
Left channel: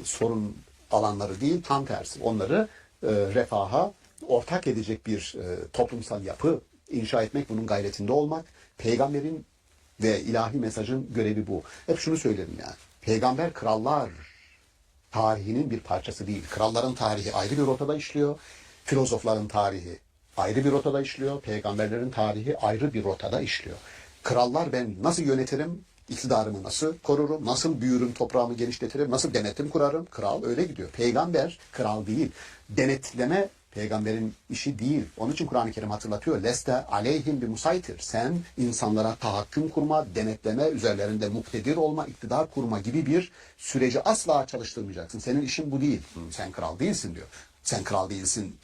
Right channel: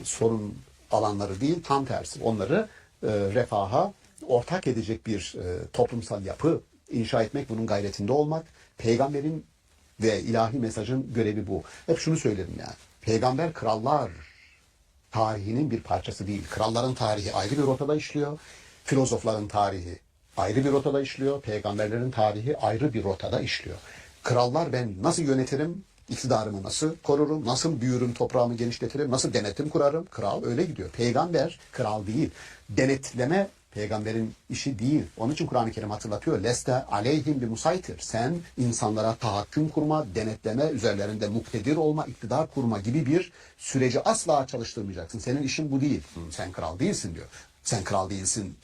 sorun alanları değil, tam tersi. Onları refaha ortak edecek bir toplumsal yapı inşa etmek, bunun gayretinde olmak. Peygamberin ve ilahi mesajın görevi bu. Hep şunu söylerim yani. Peygamber krallar tarihinin bir parçası değil. Kralların tarihi ayrı bir rotada işliyor. Filozofların tarihi ayrı bir rotada işliyor. Peygamberlerin tarihi ayrı bir rotada işliyor. Krallar ben nasıl yönetirim, iktidarımı nasıl korurum, nasıl büyürüm, toprağımı genişletirim, nasıl denetim kurarım. Kral öyle gidiyor. Peygamber kral değil. Denetleme peygamberin işi değil. Onun için Kur'an-ı Kerim hatırlatıyor. Leste aleyhim bi musaytir. Sen insanlara tahakküm kurma, denetleme, üzerlerinde muktedir olma, iktidar kurma gibi bir süreci asla çalıştırmayacaksın. Senin işin bu değil. Sen kral değilsin diyor. Sen kral değilsin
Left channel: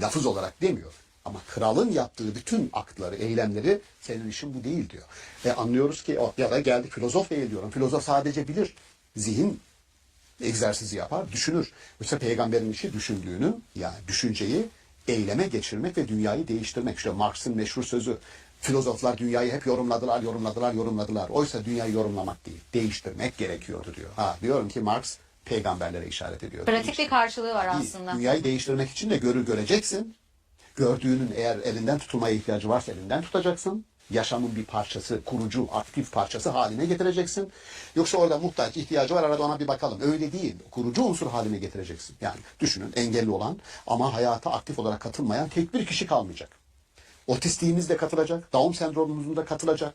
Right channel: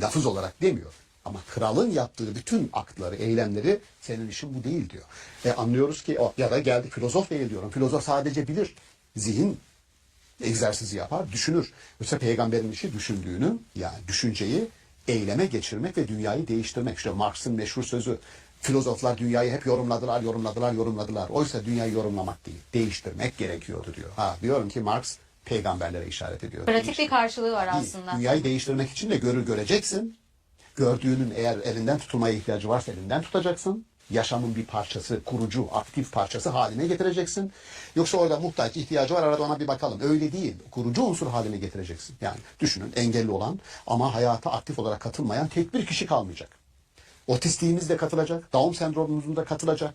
lafız olarak demiyor. Ama kralın yaptığı bütün aktları, eylemleri senin işin bu değil diyor. Anlıyoruz ki ya da geldik filozof değil diyorum. Filozof sadece bilir. Zihin egzersizi yapar, düşünür. Yoksa peygamberin işi düşündüğünü, yani düşünceyi eyleme geçirmek ve dünyayı değiştirmek. İşte Marx'ın meşhur sözü. Filozoflar dünyayı hep yorumladılar. Oysa dünyayı yorumlamak değil, değiştirmek gerekiyordu diyor. Diyorum ki Marx peygamberlere işaret ediyor. Pratik bir karşılığı var aslında. Dünyayı değiştirmek için de göreceksin. Gördüğünün eğer elinden tutulmaya ihtiyacı varsa elinden tutacaksın. Yaşamın bir parçası, kurucu, aktif parçası haline getireceksin. Yoksa orada muhtaç, ihtiyacı var, arada ona bir bakalım. Öyle değil. Kurucu unsur haline getireceksin. Yani düşünün, engelli olan ama hayata aktif olarak katılmayan tek bir kişi kalmayacak. Otistiğimiz de katılacak, Down sendromumuzun da katılacak.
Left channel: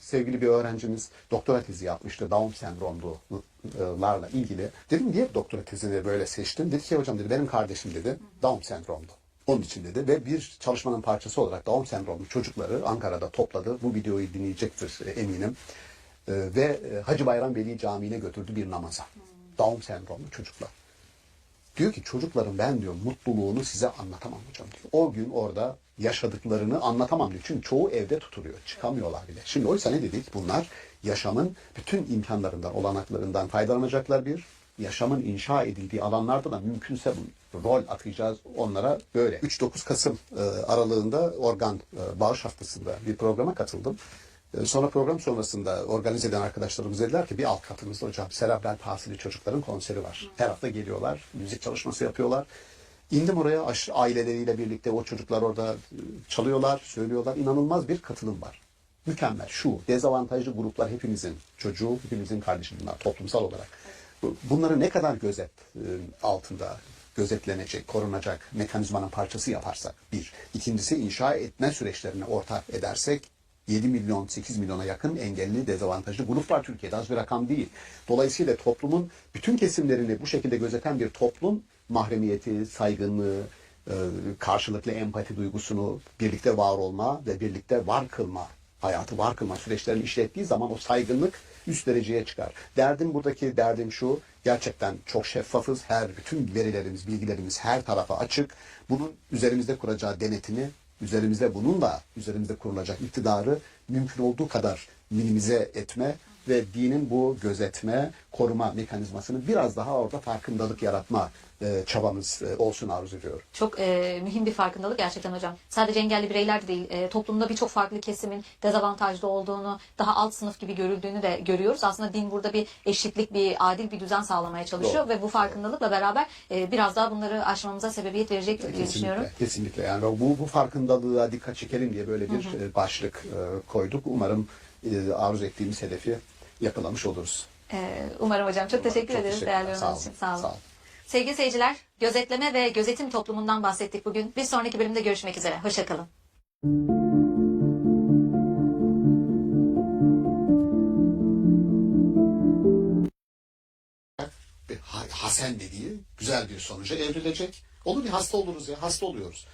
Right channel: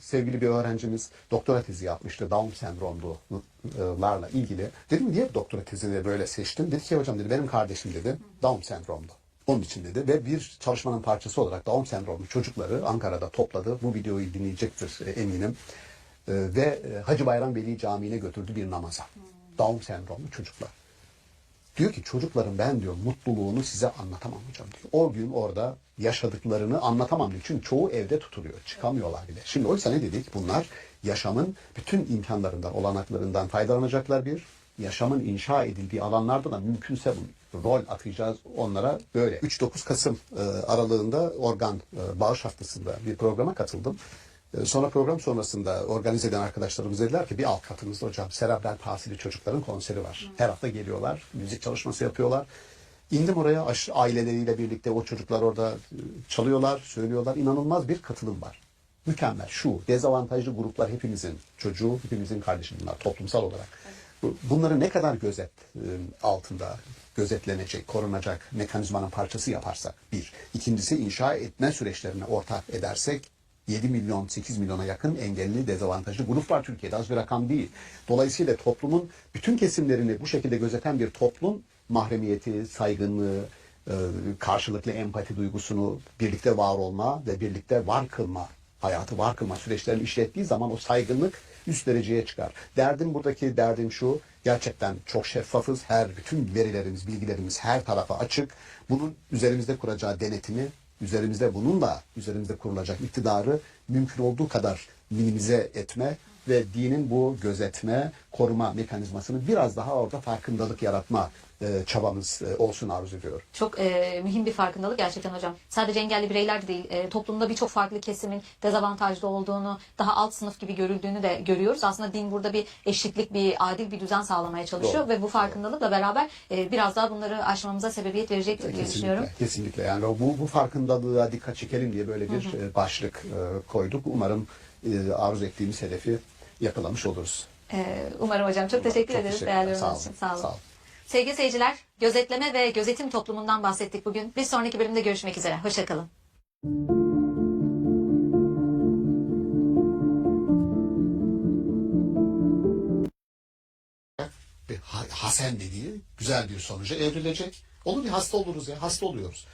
Sevgili bir öğrencimiz doktora tezi yapmıştı Down sendromlularla ilgili. Dedim niye doktora tezini böyle seçtin? Dedi ki hocam dedi benim kardeşim dedi Down sendromlu. Onun için dedi ve bir çalışmanın parçası olarak Down sendromlu çocukları Ankara'da topladı. Bu videoyu dinleyecektir eminim. Ve Hacı Bayram Veli Camii'ne götürdü bir namaza. Down sendromlu çocuklar. Diyor ki çocuklarım ben diyor mutluluğunu size anlatamam hocam diyor. O gün orada yaşadıklarını anlatamam diyor. Çünkü çoğu evde tutuluyor. Çıkamıyorlar bile. Şimdi oysa ne dedik? Bunlar yaşamın bütün imkanlarından, olanaklarından faydalanacaklar bir. Yaşamın inşa edildiği alanlarda da mümkünse rol atacağız onlara böyle. 3-9 Kasım aralığında organ bağış haftasında bir programa katıldım. Sonra program sonrasında organize eden arkadaşlarımız dediler ki bir alt katımızda hocam serebral palsili çocukların konseri var. Her hafta geliyorlar, müzik çalışması yapıyorlar. İndim oraya aileleriyle birlikte o çocuklar orada çalıyorlar, söylüyorlar. İnanılmaz bir katılım var. Mükemmel. Şu dezavantajlı gruplar hepimizin çocuğu, hepimizin kardeşi bunlar toplumsal olarak. Bunları ne kadar altında gözetlenecek, korunacak mekanizmanın parçası yaparsak bir. İkincisi inşa etme süreçlerine ortak edersek 7 milyon, 8 milyona yakın engelli, dezavantajlı grup var Türkiye'de. Az bir rakam değil. Dolayısıyla toplumun bütün kesimlerini bu şekilde gözeten bir toplum mahremiyeti, saygınlığı, karşılıklı empati duygusunu, birlikte var olma ve birlikte var kılma, hayatı var kılma süreçlerini işlettiği zaman o saygınlık üst dereceye çıkar. Buradaki derdim şu, gerçekten çok şeffafız. Bütün verilerimiz, bilgilerimiz her tarafa açık. Bunun üzerimizde kuracağı denetimi, üzerimizde kurulacak iktidarı mümkün olduğu kadar minimize etme ve dinin bu gözetme, koruma mekanizmasını biraz daha orada farkındalık yaratma çabamız olsun arzu ediyorum. Çok mühim bir farkındalık gerçekten hocam. Sadece engelli bireyler de değil, toplumda birçok farklı kesimin dezavantajlı olduğunu, daha alt sınıf gibi görüldüğünü de görüyoruz. Aslında din burada bir eşitlik, bir adil bir düzen sağlamaya çalışıyor. Doğru. Ve bu farkındalıkla beraber biraz daha bunları aşmamıza sebebiyet verecektir diye düşünüyorum. Kesinlikle. Yani bu farkındalığa dikkat çekelim diye böyle bir başlık koyduk. Umarım arzu ettiğimiz hedefi yakalamış oluruz. Umarım hocam. Çok teşekkür ederiz teşekkürler. değerli yorumlarınız için. Sağ olun. Sağ olun. Sevgili seyirciler, gözetleme ve gözetim toplumundan bahsettik bugün. Bir sonraki bölümde görüşmek üzere. Hoşçakalın. Hasen dediği güzel bir sonuca evrilecek. Olur bir hasta oluruz ya, hasta oluyoruz.